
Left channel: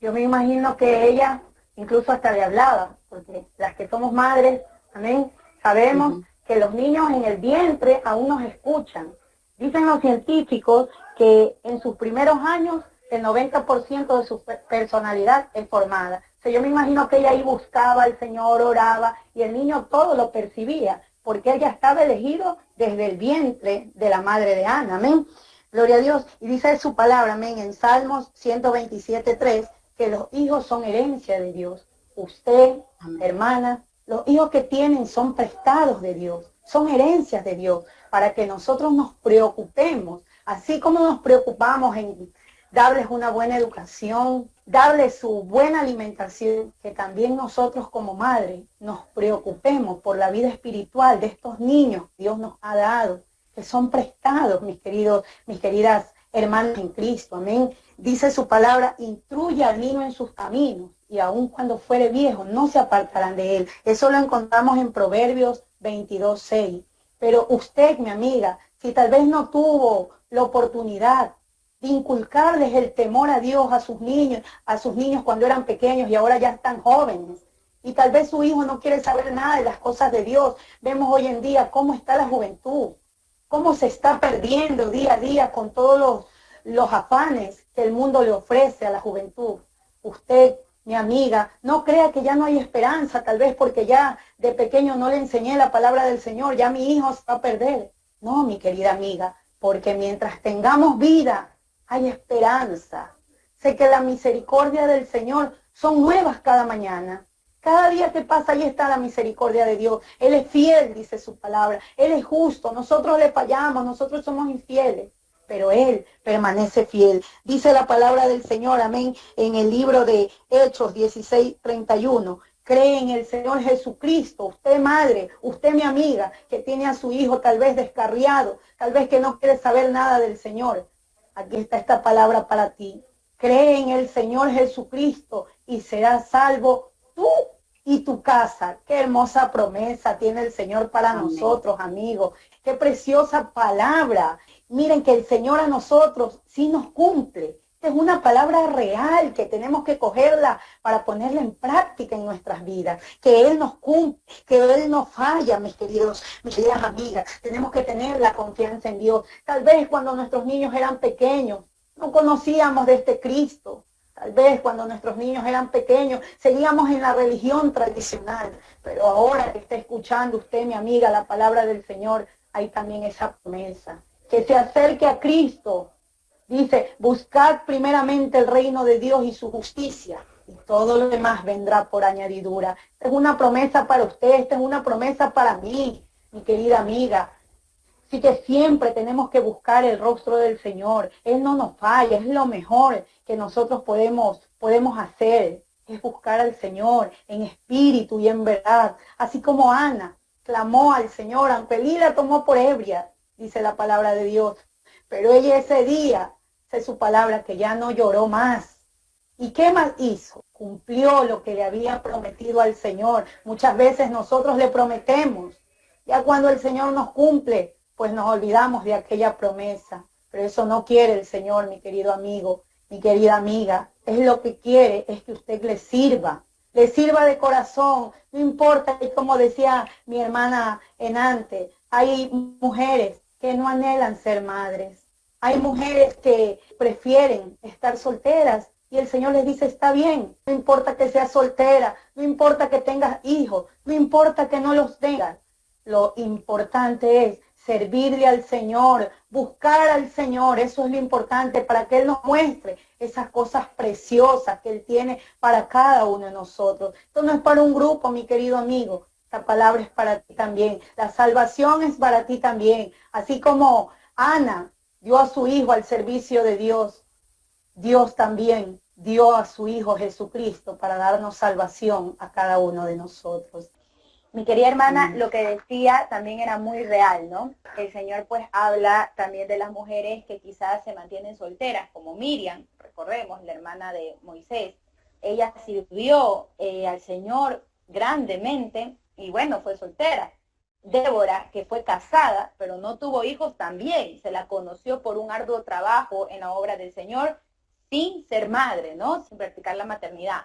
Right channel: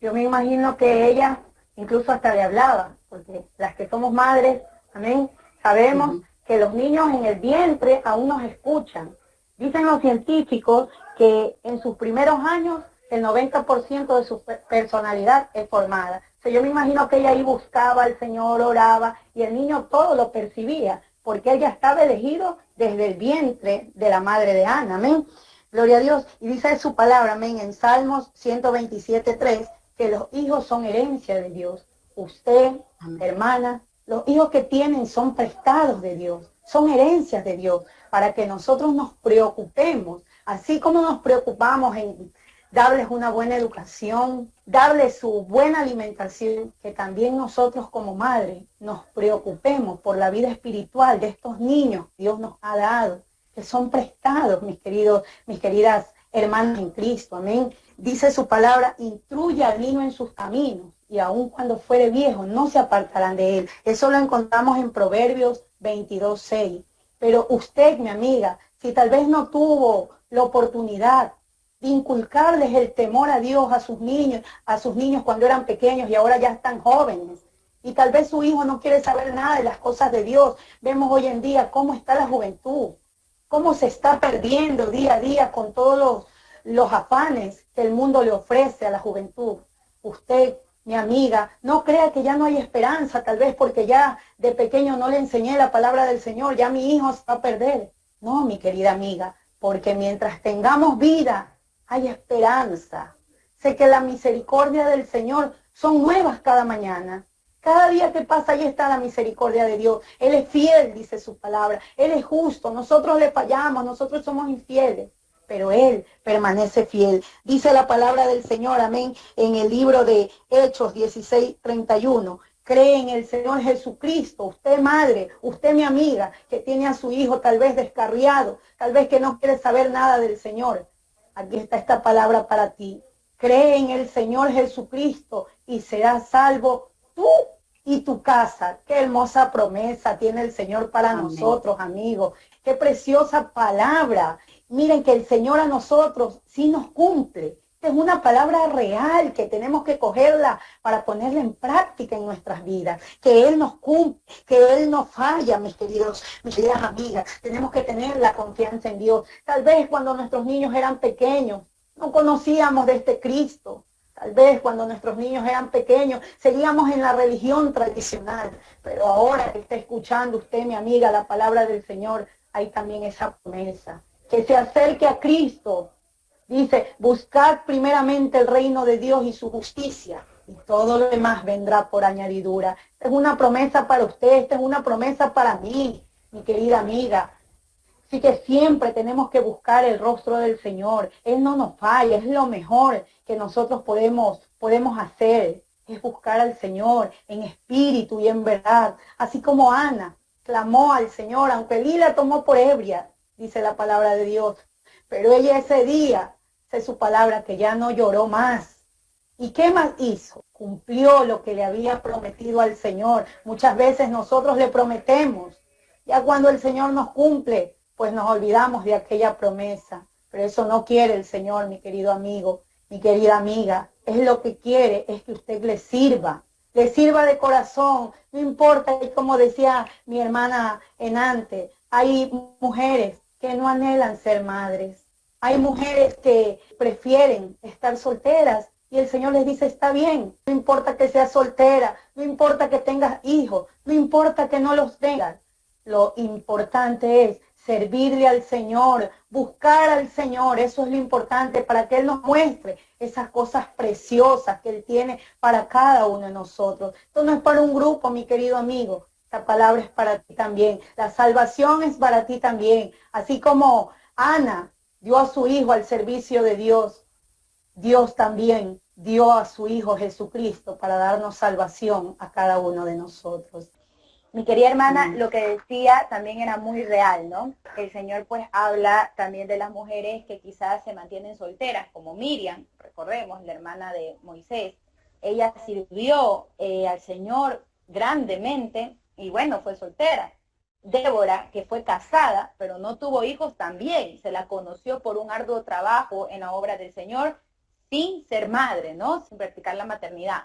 yo me imagino que ella incluso hasta le hablaba, porque las que somos madres, amén, sabemos que los niños en el vientre aún nos escuchan. Dicen los científicos que en sus primeros años el 90% de su personalidad es formada. O sea, yo me imagino que ella ahí buscaba al Señor, oraba, y el niño todo lo percibía, porque él ya estaba elegido desde el vientre de la madre de Ana. Amén. Gloria a Dios. Y dice su palabra, amén, en Salmos 127:3, que los hijos son herencia de Dios. Usted, hermana, los hijos que tienen son prestados de Dios, son herencias de Dios, para que nosotros nos preocupemos, así como nos preocupamos en darles una buena educación, darles su buena alimentación, que también nosotros como madres nos preocupemos por la vida espiritual de estos niños que Dios nos ha dado, que son prestados, mis queridas hermanas en Cristo, amén. Dice su palabra, instruye al niño en sus caminos, y aun cuando fuere viejo, no se apartarán de él. Eso lo encontramos en Proverbios 22:6. Pero usted, mi amiga, si tal vez no tuvo la oportunidad de inculcarles el temor a Dios a sus niños cuando eran pequeños y ahora ya están jóvenes, y tal vez su hijo no quiere saber nada de las cosas de Dios, vemos hoy en día cómo está la juventud, cómo se está perdiendo día a día con todos los afanes que el mundo le ofrece a la juventud. Usted, mi amiga, no crea que ya no hay esperanza, tal vez porque ya de pequeño no le enseñé la palabra del Señor, ya mi hijo se va a perder. No, mi querida amiga, porque mientras tengamos vida, hay esperanza. Sé que la misericordia del Señor son nuevas cada mañana. Cada día que pasa, ahí está la misericordia de Dios. Él es fiel, dice su palabra. Él es justo. Nosotros le fallamos, nosotros somos infieles, pero Él permanece fiel. Dice la palabra del Señor, amén, en el libro de Hechos 16:31. Cree en el Señor Jesucristo. Usted, madre, usted, mi amiga, que tiene a su hijo tal vez descarriado, tal vez que no quiere saber nada del Señor. Aquí está esta palabra para ti. Cree en el Señor Jesucristo y serás salvo tú y tu casa. Qué hermosa promesa tiene el Señor para nosotros, amigos. Qué preciosa palabra. Miren que el Señor a nosotros sí nos cumple. Es una palabra real que tenemos que cogerla para ponerla en práctica en nuestras vidas. Que Él nos cumple, que Él no falla, mis queridas amigas. Tenemos que tener la confianza en Dios. Tal vez cuando nuestros niños eran pequeños, no conocíamos de este Cristo. Tal vez cuando nuestros niños eran pequeños, seguíamos en la religión tradicional. Pero ahora que está escuchando usted, mi amiga, la palabra del Señor, hay también esa promesa. Que se acerque a Cristo. Dice, buscad primeramente el reino de Dios y su justicia, y todo lo demás vendrá por añadidura. Esta es una promesa para usted, esta es una promesa para mí, mi querida amiga. Así que siempre tenemos que buscar el rostro del Señor. Él no nos falla, es lo mejor que nosotros podemos hacer, es buscar al Señor en espíritu y en verdad. Así como Ana clamó al Señor, aunque Elí la tomó por ebria, dice la palabra de Dios. Pero ella ese día, dice su palabra, que ya no lloró más. ¿Y qué más hizo? Cumplió lo que le había prometido al Señor. Muchas veces nosotros le prometemos. Ya cuando el Señor nos cumple, pues nos olvidamos de aquella promesa. Pero eso no quiere el Señor, mi querido amigo, mi querida amiga. Es lo que quiere, es que usted le sirva de corazón. No importa, y como decía mi hermana antes, hay mujeres que no anhelan ser madres. Hay mujeres que prefieren estar solteras y el Señor les dice, está bien, no importa que seas soltera, no importa que tengas hijos, no importa que no los tengas. Lo importante es servirle al Señor, buscar al Señor, eso es lo importante para que Él nos muestre esas cosas preciosas que Él tiene para cada uno de nosotros. Esto no es para un grupo, mi querido amigo. Esta palabra es para ti también. La salvación es para ti también. Así como Ana dio a su hijo al servicio de Dios, Dios también dio a su Hijo Jesucristo para darnos salvación a cada uno de nosotros. Mi querida hermana, lo que decía también era muy real, ¿no? El Señor pues habla también de las mujeres que quizás se mantienen solteras, como Miriam, recordemos, la hermana de Moisés. Ella sirvió al Señor grandemente y bueno, fue soltera. Débora, que fue casada, pero no tuvo hijos también, se la conoció por un arduo trabajo en la obra del Señor, sin ser madre, ¿no? Sin practicar la maternidad.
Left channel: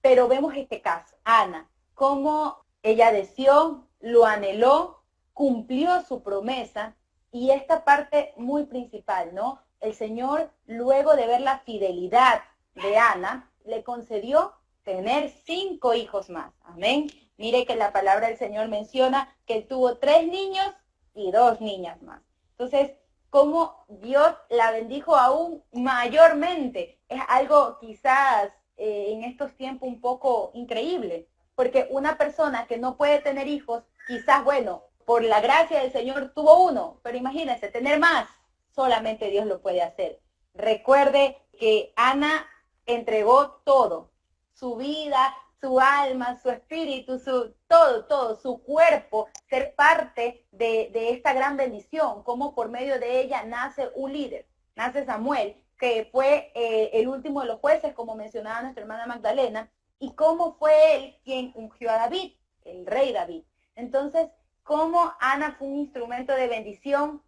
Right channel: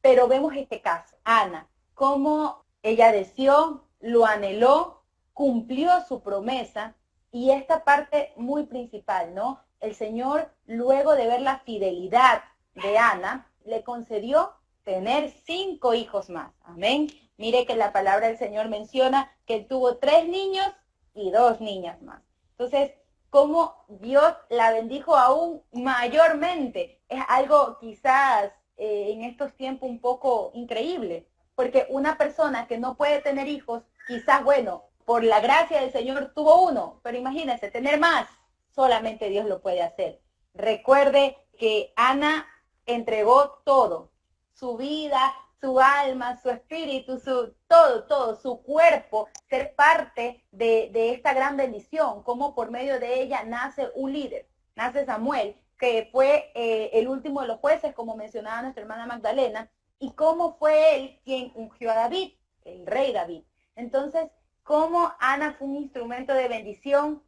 Pero vemos este caso, Ana, cómo ella deseó, lo anheló cumplió su promesa. Y esta parte muy principal, ¿no? El Señor, luego de ver la fidelidad de Ana, le concedió tener 5 hijos más. Amén. Mire que la palabra del Señor menciona que tuvo 3 niños y 2 niñas más. Entonces, cómo Dios la bendijo aún mayormente. Es algo quizás en estos tiempos un poco increíble, porque una persona que no puede tener hijos, quizás, bueno, por la gracia del Señor tuvo 1, pero imagínense, tener más, solamente Dios lo puede hacer. Recuerde que Ana entregó todo, su vida, su alma, su espíritu, todo, su cuerpo, ser parte de esta gran bendición, como por medio de ella nace un líder, nace Samuel, que fue el último de los jueces, como mencionaba nuestra hermana Magdalena, y cómo fue él quien ungió a David, el rey David. Entonces, cómo Ana fue un instrumento de bendición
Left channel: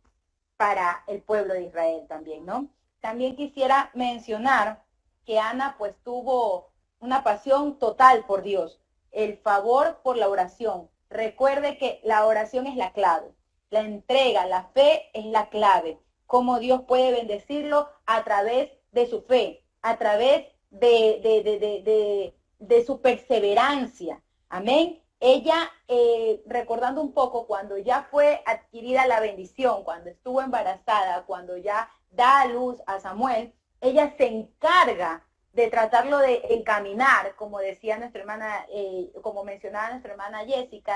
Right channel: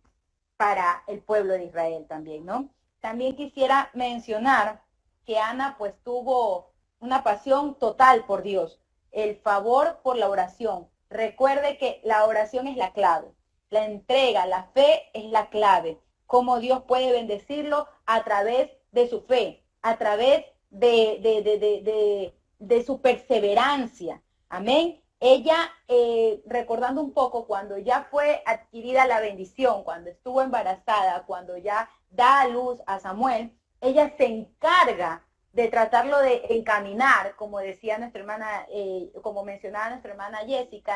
para el pueblo de Israel también, ¿no? También quisiera mencionar que Ana pues tuvo una pasión total por Dios, el favor por la oración. Recuerde que la oración es la clave, la entrega, la fe es la clave. Cómo Dios puede bendecirlo a través de su fe, a través de su perseverancia. Amén. Ella, recordando un poco, cuando ya fue adquirida la bendición, cuando estuvo embarazada, cuando ya da a luz a Samuel, ella se encarga de tratarlo de encaminar, como decía nuestra hermana, como mencionaba nuestra hermana Jessica,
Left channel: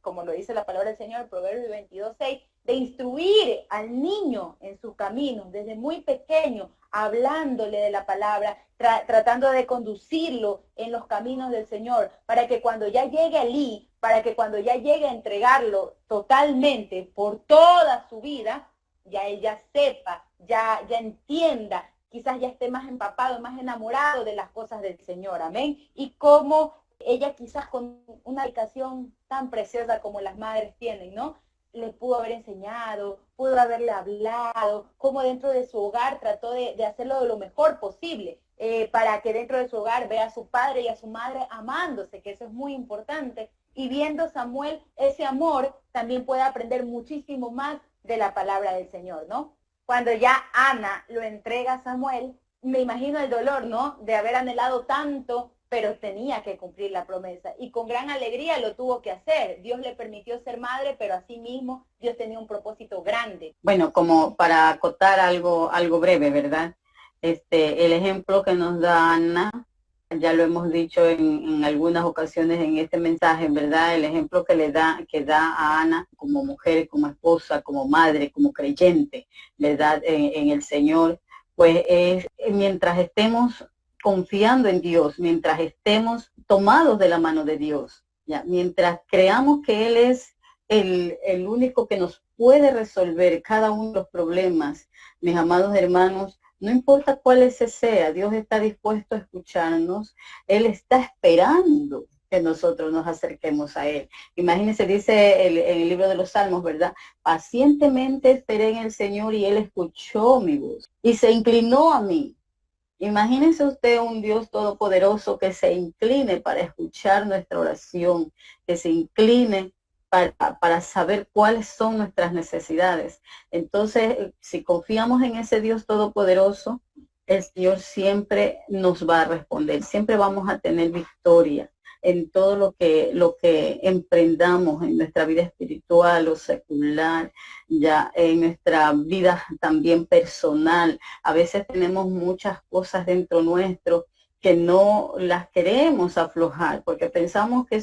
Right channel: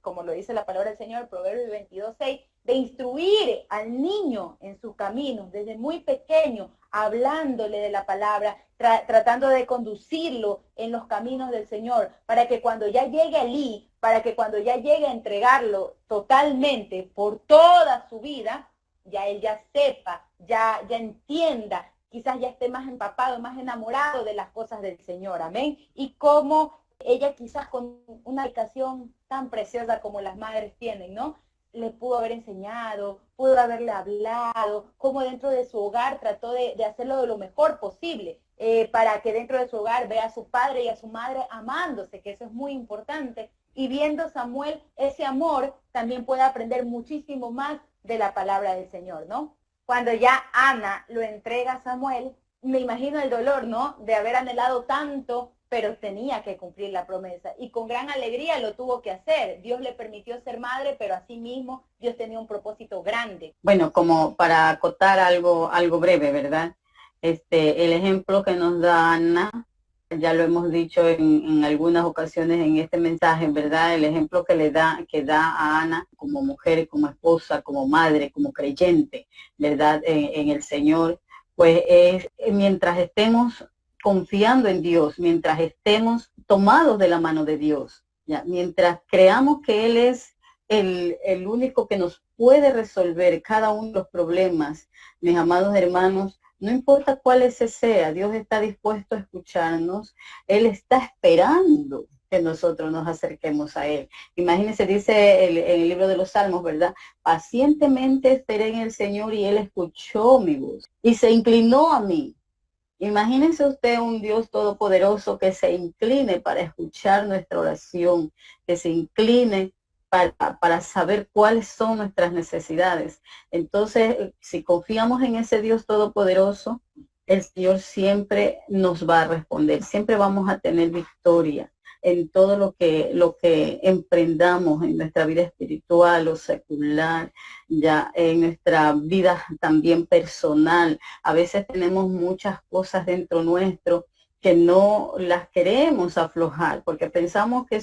como lo dice la palabra del Señor, Proverbios 22:6, de instruir al niño en sus caminos, desde muy pequeño, hablándole de la palabra, tratando de conducirlo en los caminos del Señor, para que cuando ya llegue allí, para que cuando ya llegue a entregarlo totalmente por toda su vida, ya él ya sepa, ya entienda, quizás ya esté más empapado, más enamorado de las cosas del Señor, amén. Y cómo ella quizás con una dedicación tan preciosa como las madres tienen, ¿no? Le pudo haber enseñado, pudo haberle hablado, cómo dentro de su hogar trató de hacerlo de lo mejor posible, para que dentro de su hogar vea a su padre y a su madre amándose, que eso es muy importante. Y viendo Samuel ese amor, también puede aprender muchísimo más de la palabra del Señor, ¿no? Cuando ya Ana lo entrega a Samuel, me imagino el dolor, ¿no? De haber anhelado tanto, pero tenía que cumplir la promesa. Y con gran alegría lo tuvo que hacer. Dios le permitió ser madre, pero asimismo Dios tenía un propósito grande. Bueno, como para acotar algo breve, ¿verdad? El ejemplo que nos da Ana, ya lo hemos dicho en algunas ocasiones en este mensaje, ¿verdad? El ejemplo que da a Ana como mujer, como esposa, como madre, como creyente, ¿verdad? En el Señor, pues es mientras estemos confiando en Dios, mientras estemos tomados de la mano de Dios, ¿ya? Mientras creamos que Él es el único que nos puede resolver cada uno de los problemas, mis amados hermanos, no importa cuál ese sea, Dios está dispuesto a escucharnos, Él está esperando que nosotros nos acerquemos a Él. Imagínense, dice en el libro de los Salmos, ¿verdad? Pacientemente esperé en el Señor y Él escuchó mi voz y se inclinó a mí. Imagínense usted un Dios todopoderoso que se incline para escuchar nuestra oración, que se incline para saber cuáles son nuestras necesidades. Entonces, si confiamos en ese Dios todopoderoso, el Señor siempre nos va a responder, siempre vamos a tener victoria en todo lo que emprendamos en nuestra vida espiritual o secular, ya en nuestra vida también personal. A veces tenemos muchas cosas dentro nuestro que no las queremos aflojar, porque pensamos que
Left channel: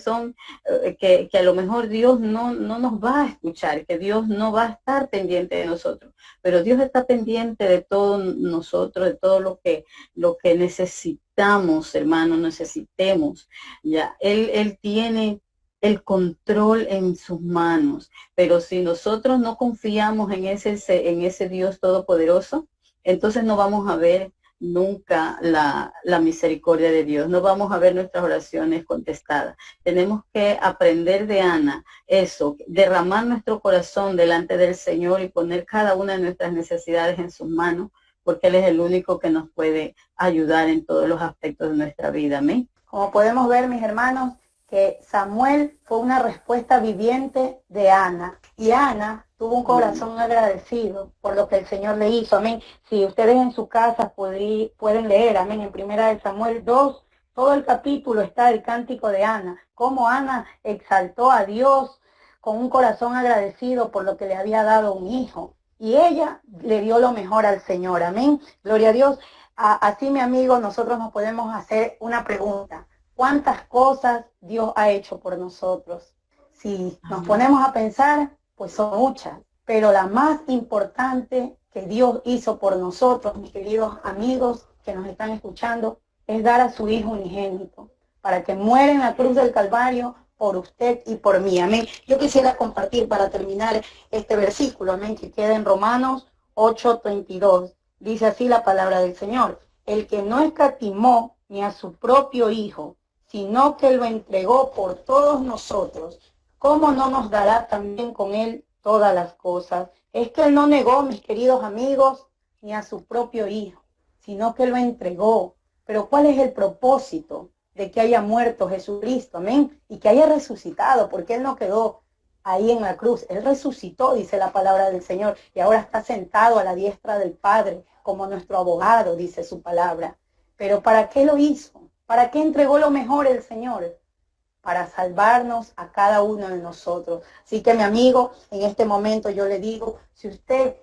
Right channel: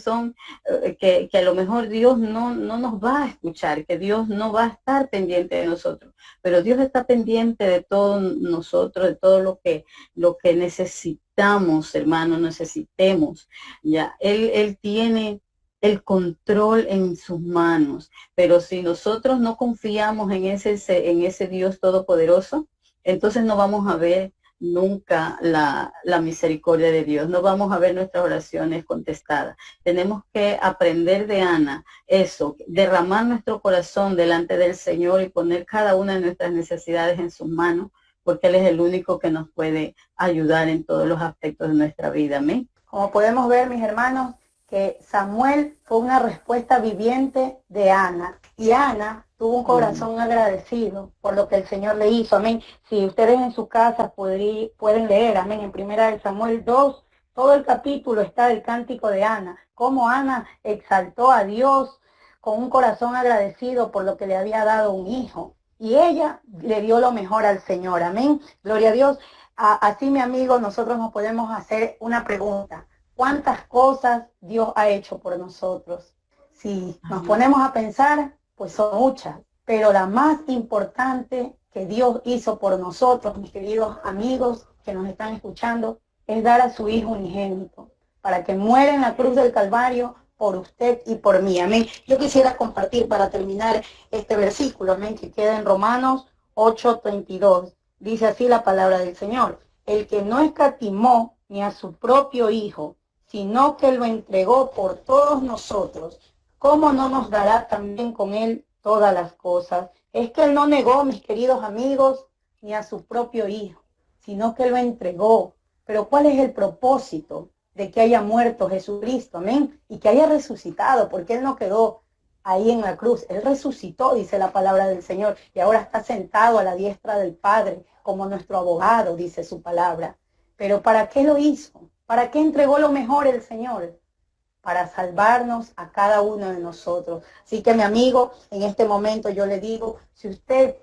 que a lo mejor Dios no nos va a escuchar, que Dios no va a estar pendiente de nosotros, pero Dios está pendiente de todos nosotros, de todo lo que necesitamos, hermanos, necesitemos. Ya, Él tiene el control en sus manos, pero si nosotros no confiamos en ese Dios todopoderoso, entonces no vamos a ver nunca la misericordia de Dios, no vamos a ver nuestras oraciones contestadas. Tenemos que aprender de Ana eso, derramar nuestro corazón delante del Señor y poner cada una de nuestras necesidades en sus manos, porque Él es el único que nos puede ayudar en todos los aspectos de nuestra vida. Amén. Como podemos ver, mis hermanos, que Samuel fue una respuesta viviente de Ana. Y Ana tuvo un corazón agradecido por lo que el Señor le hizo. Amén. Si ustedes en su casa pueden leer, amén, en 1 Samuel 2, todo el capítulo está el cántico de Ana. Cómo Ana exaltó a Dios con un corazón agradecido por lo que le había dado un hijo. Y ella le dio lo mejor al Señor. Amén. Gloria a Dios. Así, mi amigo, nosotros nos podemos hacer una pregunta. ¿Cuántas cosas Dios ha hecho por nosotros? Si nos ponemos a pensar, pues son muchas. Pero la más importante que Dios hizo por nosotros, mis queridos amigos que nos están escuchando, es dar a su Hijo unigénito, para que muera en la cruz del Calvario por usted y por mí. Amén. Yo quisiera compartir para terminar este versículo, amén, que queda en Romanos 8:32. Dice así la palabra del Señor: el que no escatimó ni a su propio Hijo, sino que lo entregó por todos nosotros, ¿cómo no nos dará también con él todas las cosas? Es que él no negó, mis queridos amigos, ni a su propio Hijo, sino que lo entregó. Pero ¿cuál es el propósito de que haya muerto Jesucristo? Amén. Y que haya resucitado, porque él no quedó ahí en la cruz. Él resucitó, dice la palabra del Señor, y ahora está sentado a la diestra del Padre como nuestro abogado, dice su palabra. Pero ¿para qué lo hizo? ¿Para qué entregó lo mejor el Señor? Para salvarnos a cada uno de nosotros. Así que, mi amigo, en este momento yo le digo, si usted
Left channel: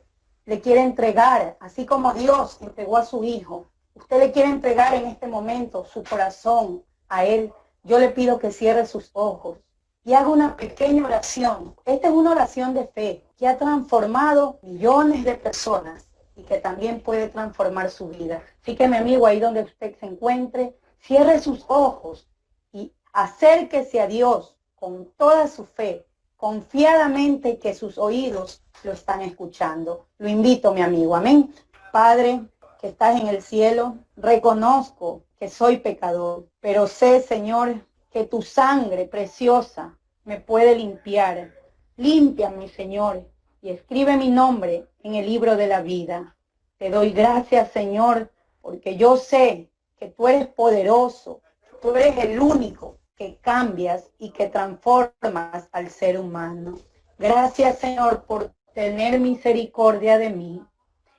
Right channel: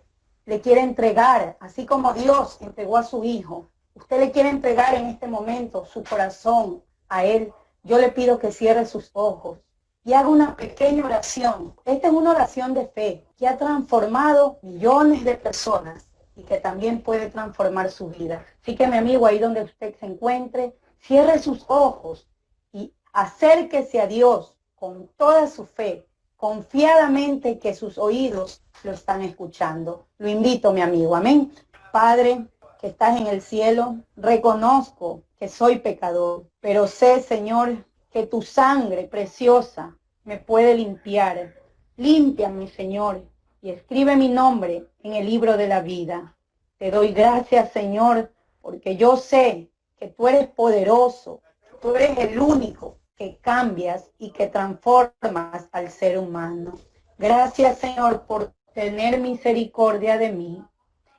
le quiere entregar, así como Dios entregó a su Hijo, usted le quiere entregar en este momento su corazón a Él, yo le pido que cierre sus ojos y haga una pequeña oración. Esta es una oración de fe que ha transformado millones de personas y que también puede transformar su vida. Así que, mi amigo, ahí donde usted se encuentre, cierre sus ojos y acérquese a Dios con toda su fe, confiadamente, que sus oídos lo están escuchando. Lo invito, mi amigo. Amén. Padre, que estás en el cielo, reconozco que soy pecador, pero sé, Señor, que tu sangre preciosa me puede limpiar. Límpiame, Señor, y escribe mi nombre en el libro de la vida. Te doy gracias, Señor, porque yo sé que tú eres poderoso, tú eres el único que cambias y que transformas al ser humano. Gracias, Señor, por tener misericordia de mí.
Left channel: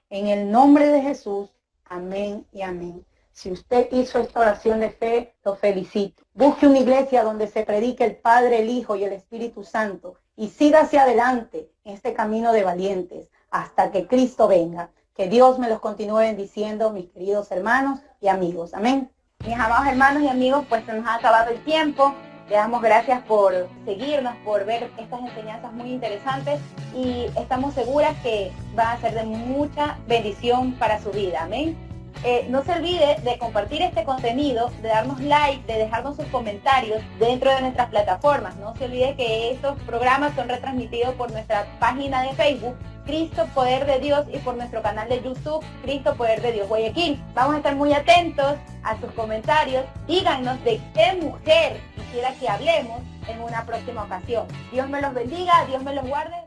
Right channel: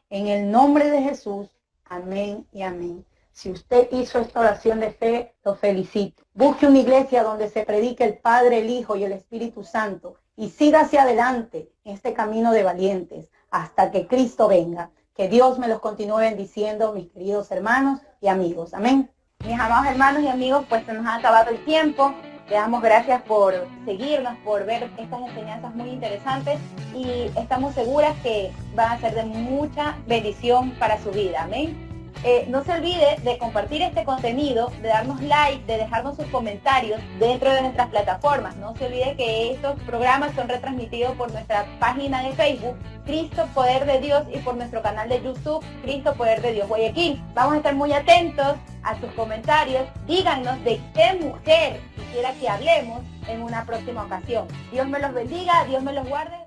En el nombre de Jesús, amén y amén. Si usted hizo esta oración de fe, lo felicito. Busque una iglesia donde se predique el Padre, el Hijo y el Espíritu Santo y siga hacia adelante en este camino de valientes hasta que Cristo venga. Que Dios me los continúe bendiciendo, mis queridos hermanos y amigos. Amén. Mis amados hermanos y amigos, pues se nos ha acabado el tiempo. Le damos gracias por seguirnos, por ver estas enseñanzas muy interesantes y estamos seguras que van a ser de mucha bendición para su vida. Amén. No se olvide de compartir este contenido, de darnos like, de dejarnos sus comentarios dentro de nuestras plataformas. No se olvide que estos programas son retransmitidos por nuestra página de Facebook, Cristo Poder de Dios, y por nuestro canal de YouTube, Cristo Poder de Dios Guayaquil. Vamos a estar muy atentos a sus comentarios. Díganos de qué mujer quisiera que hablemos en una próxima ocasión. Dios me los bendiga, Dios me los guarde.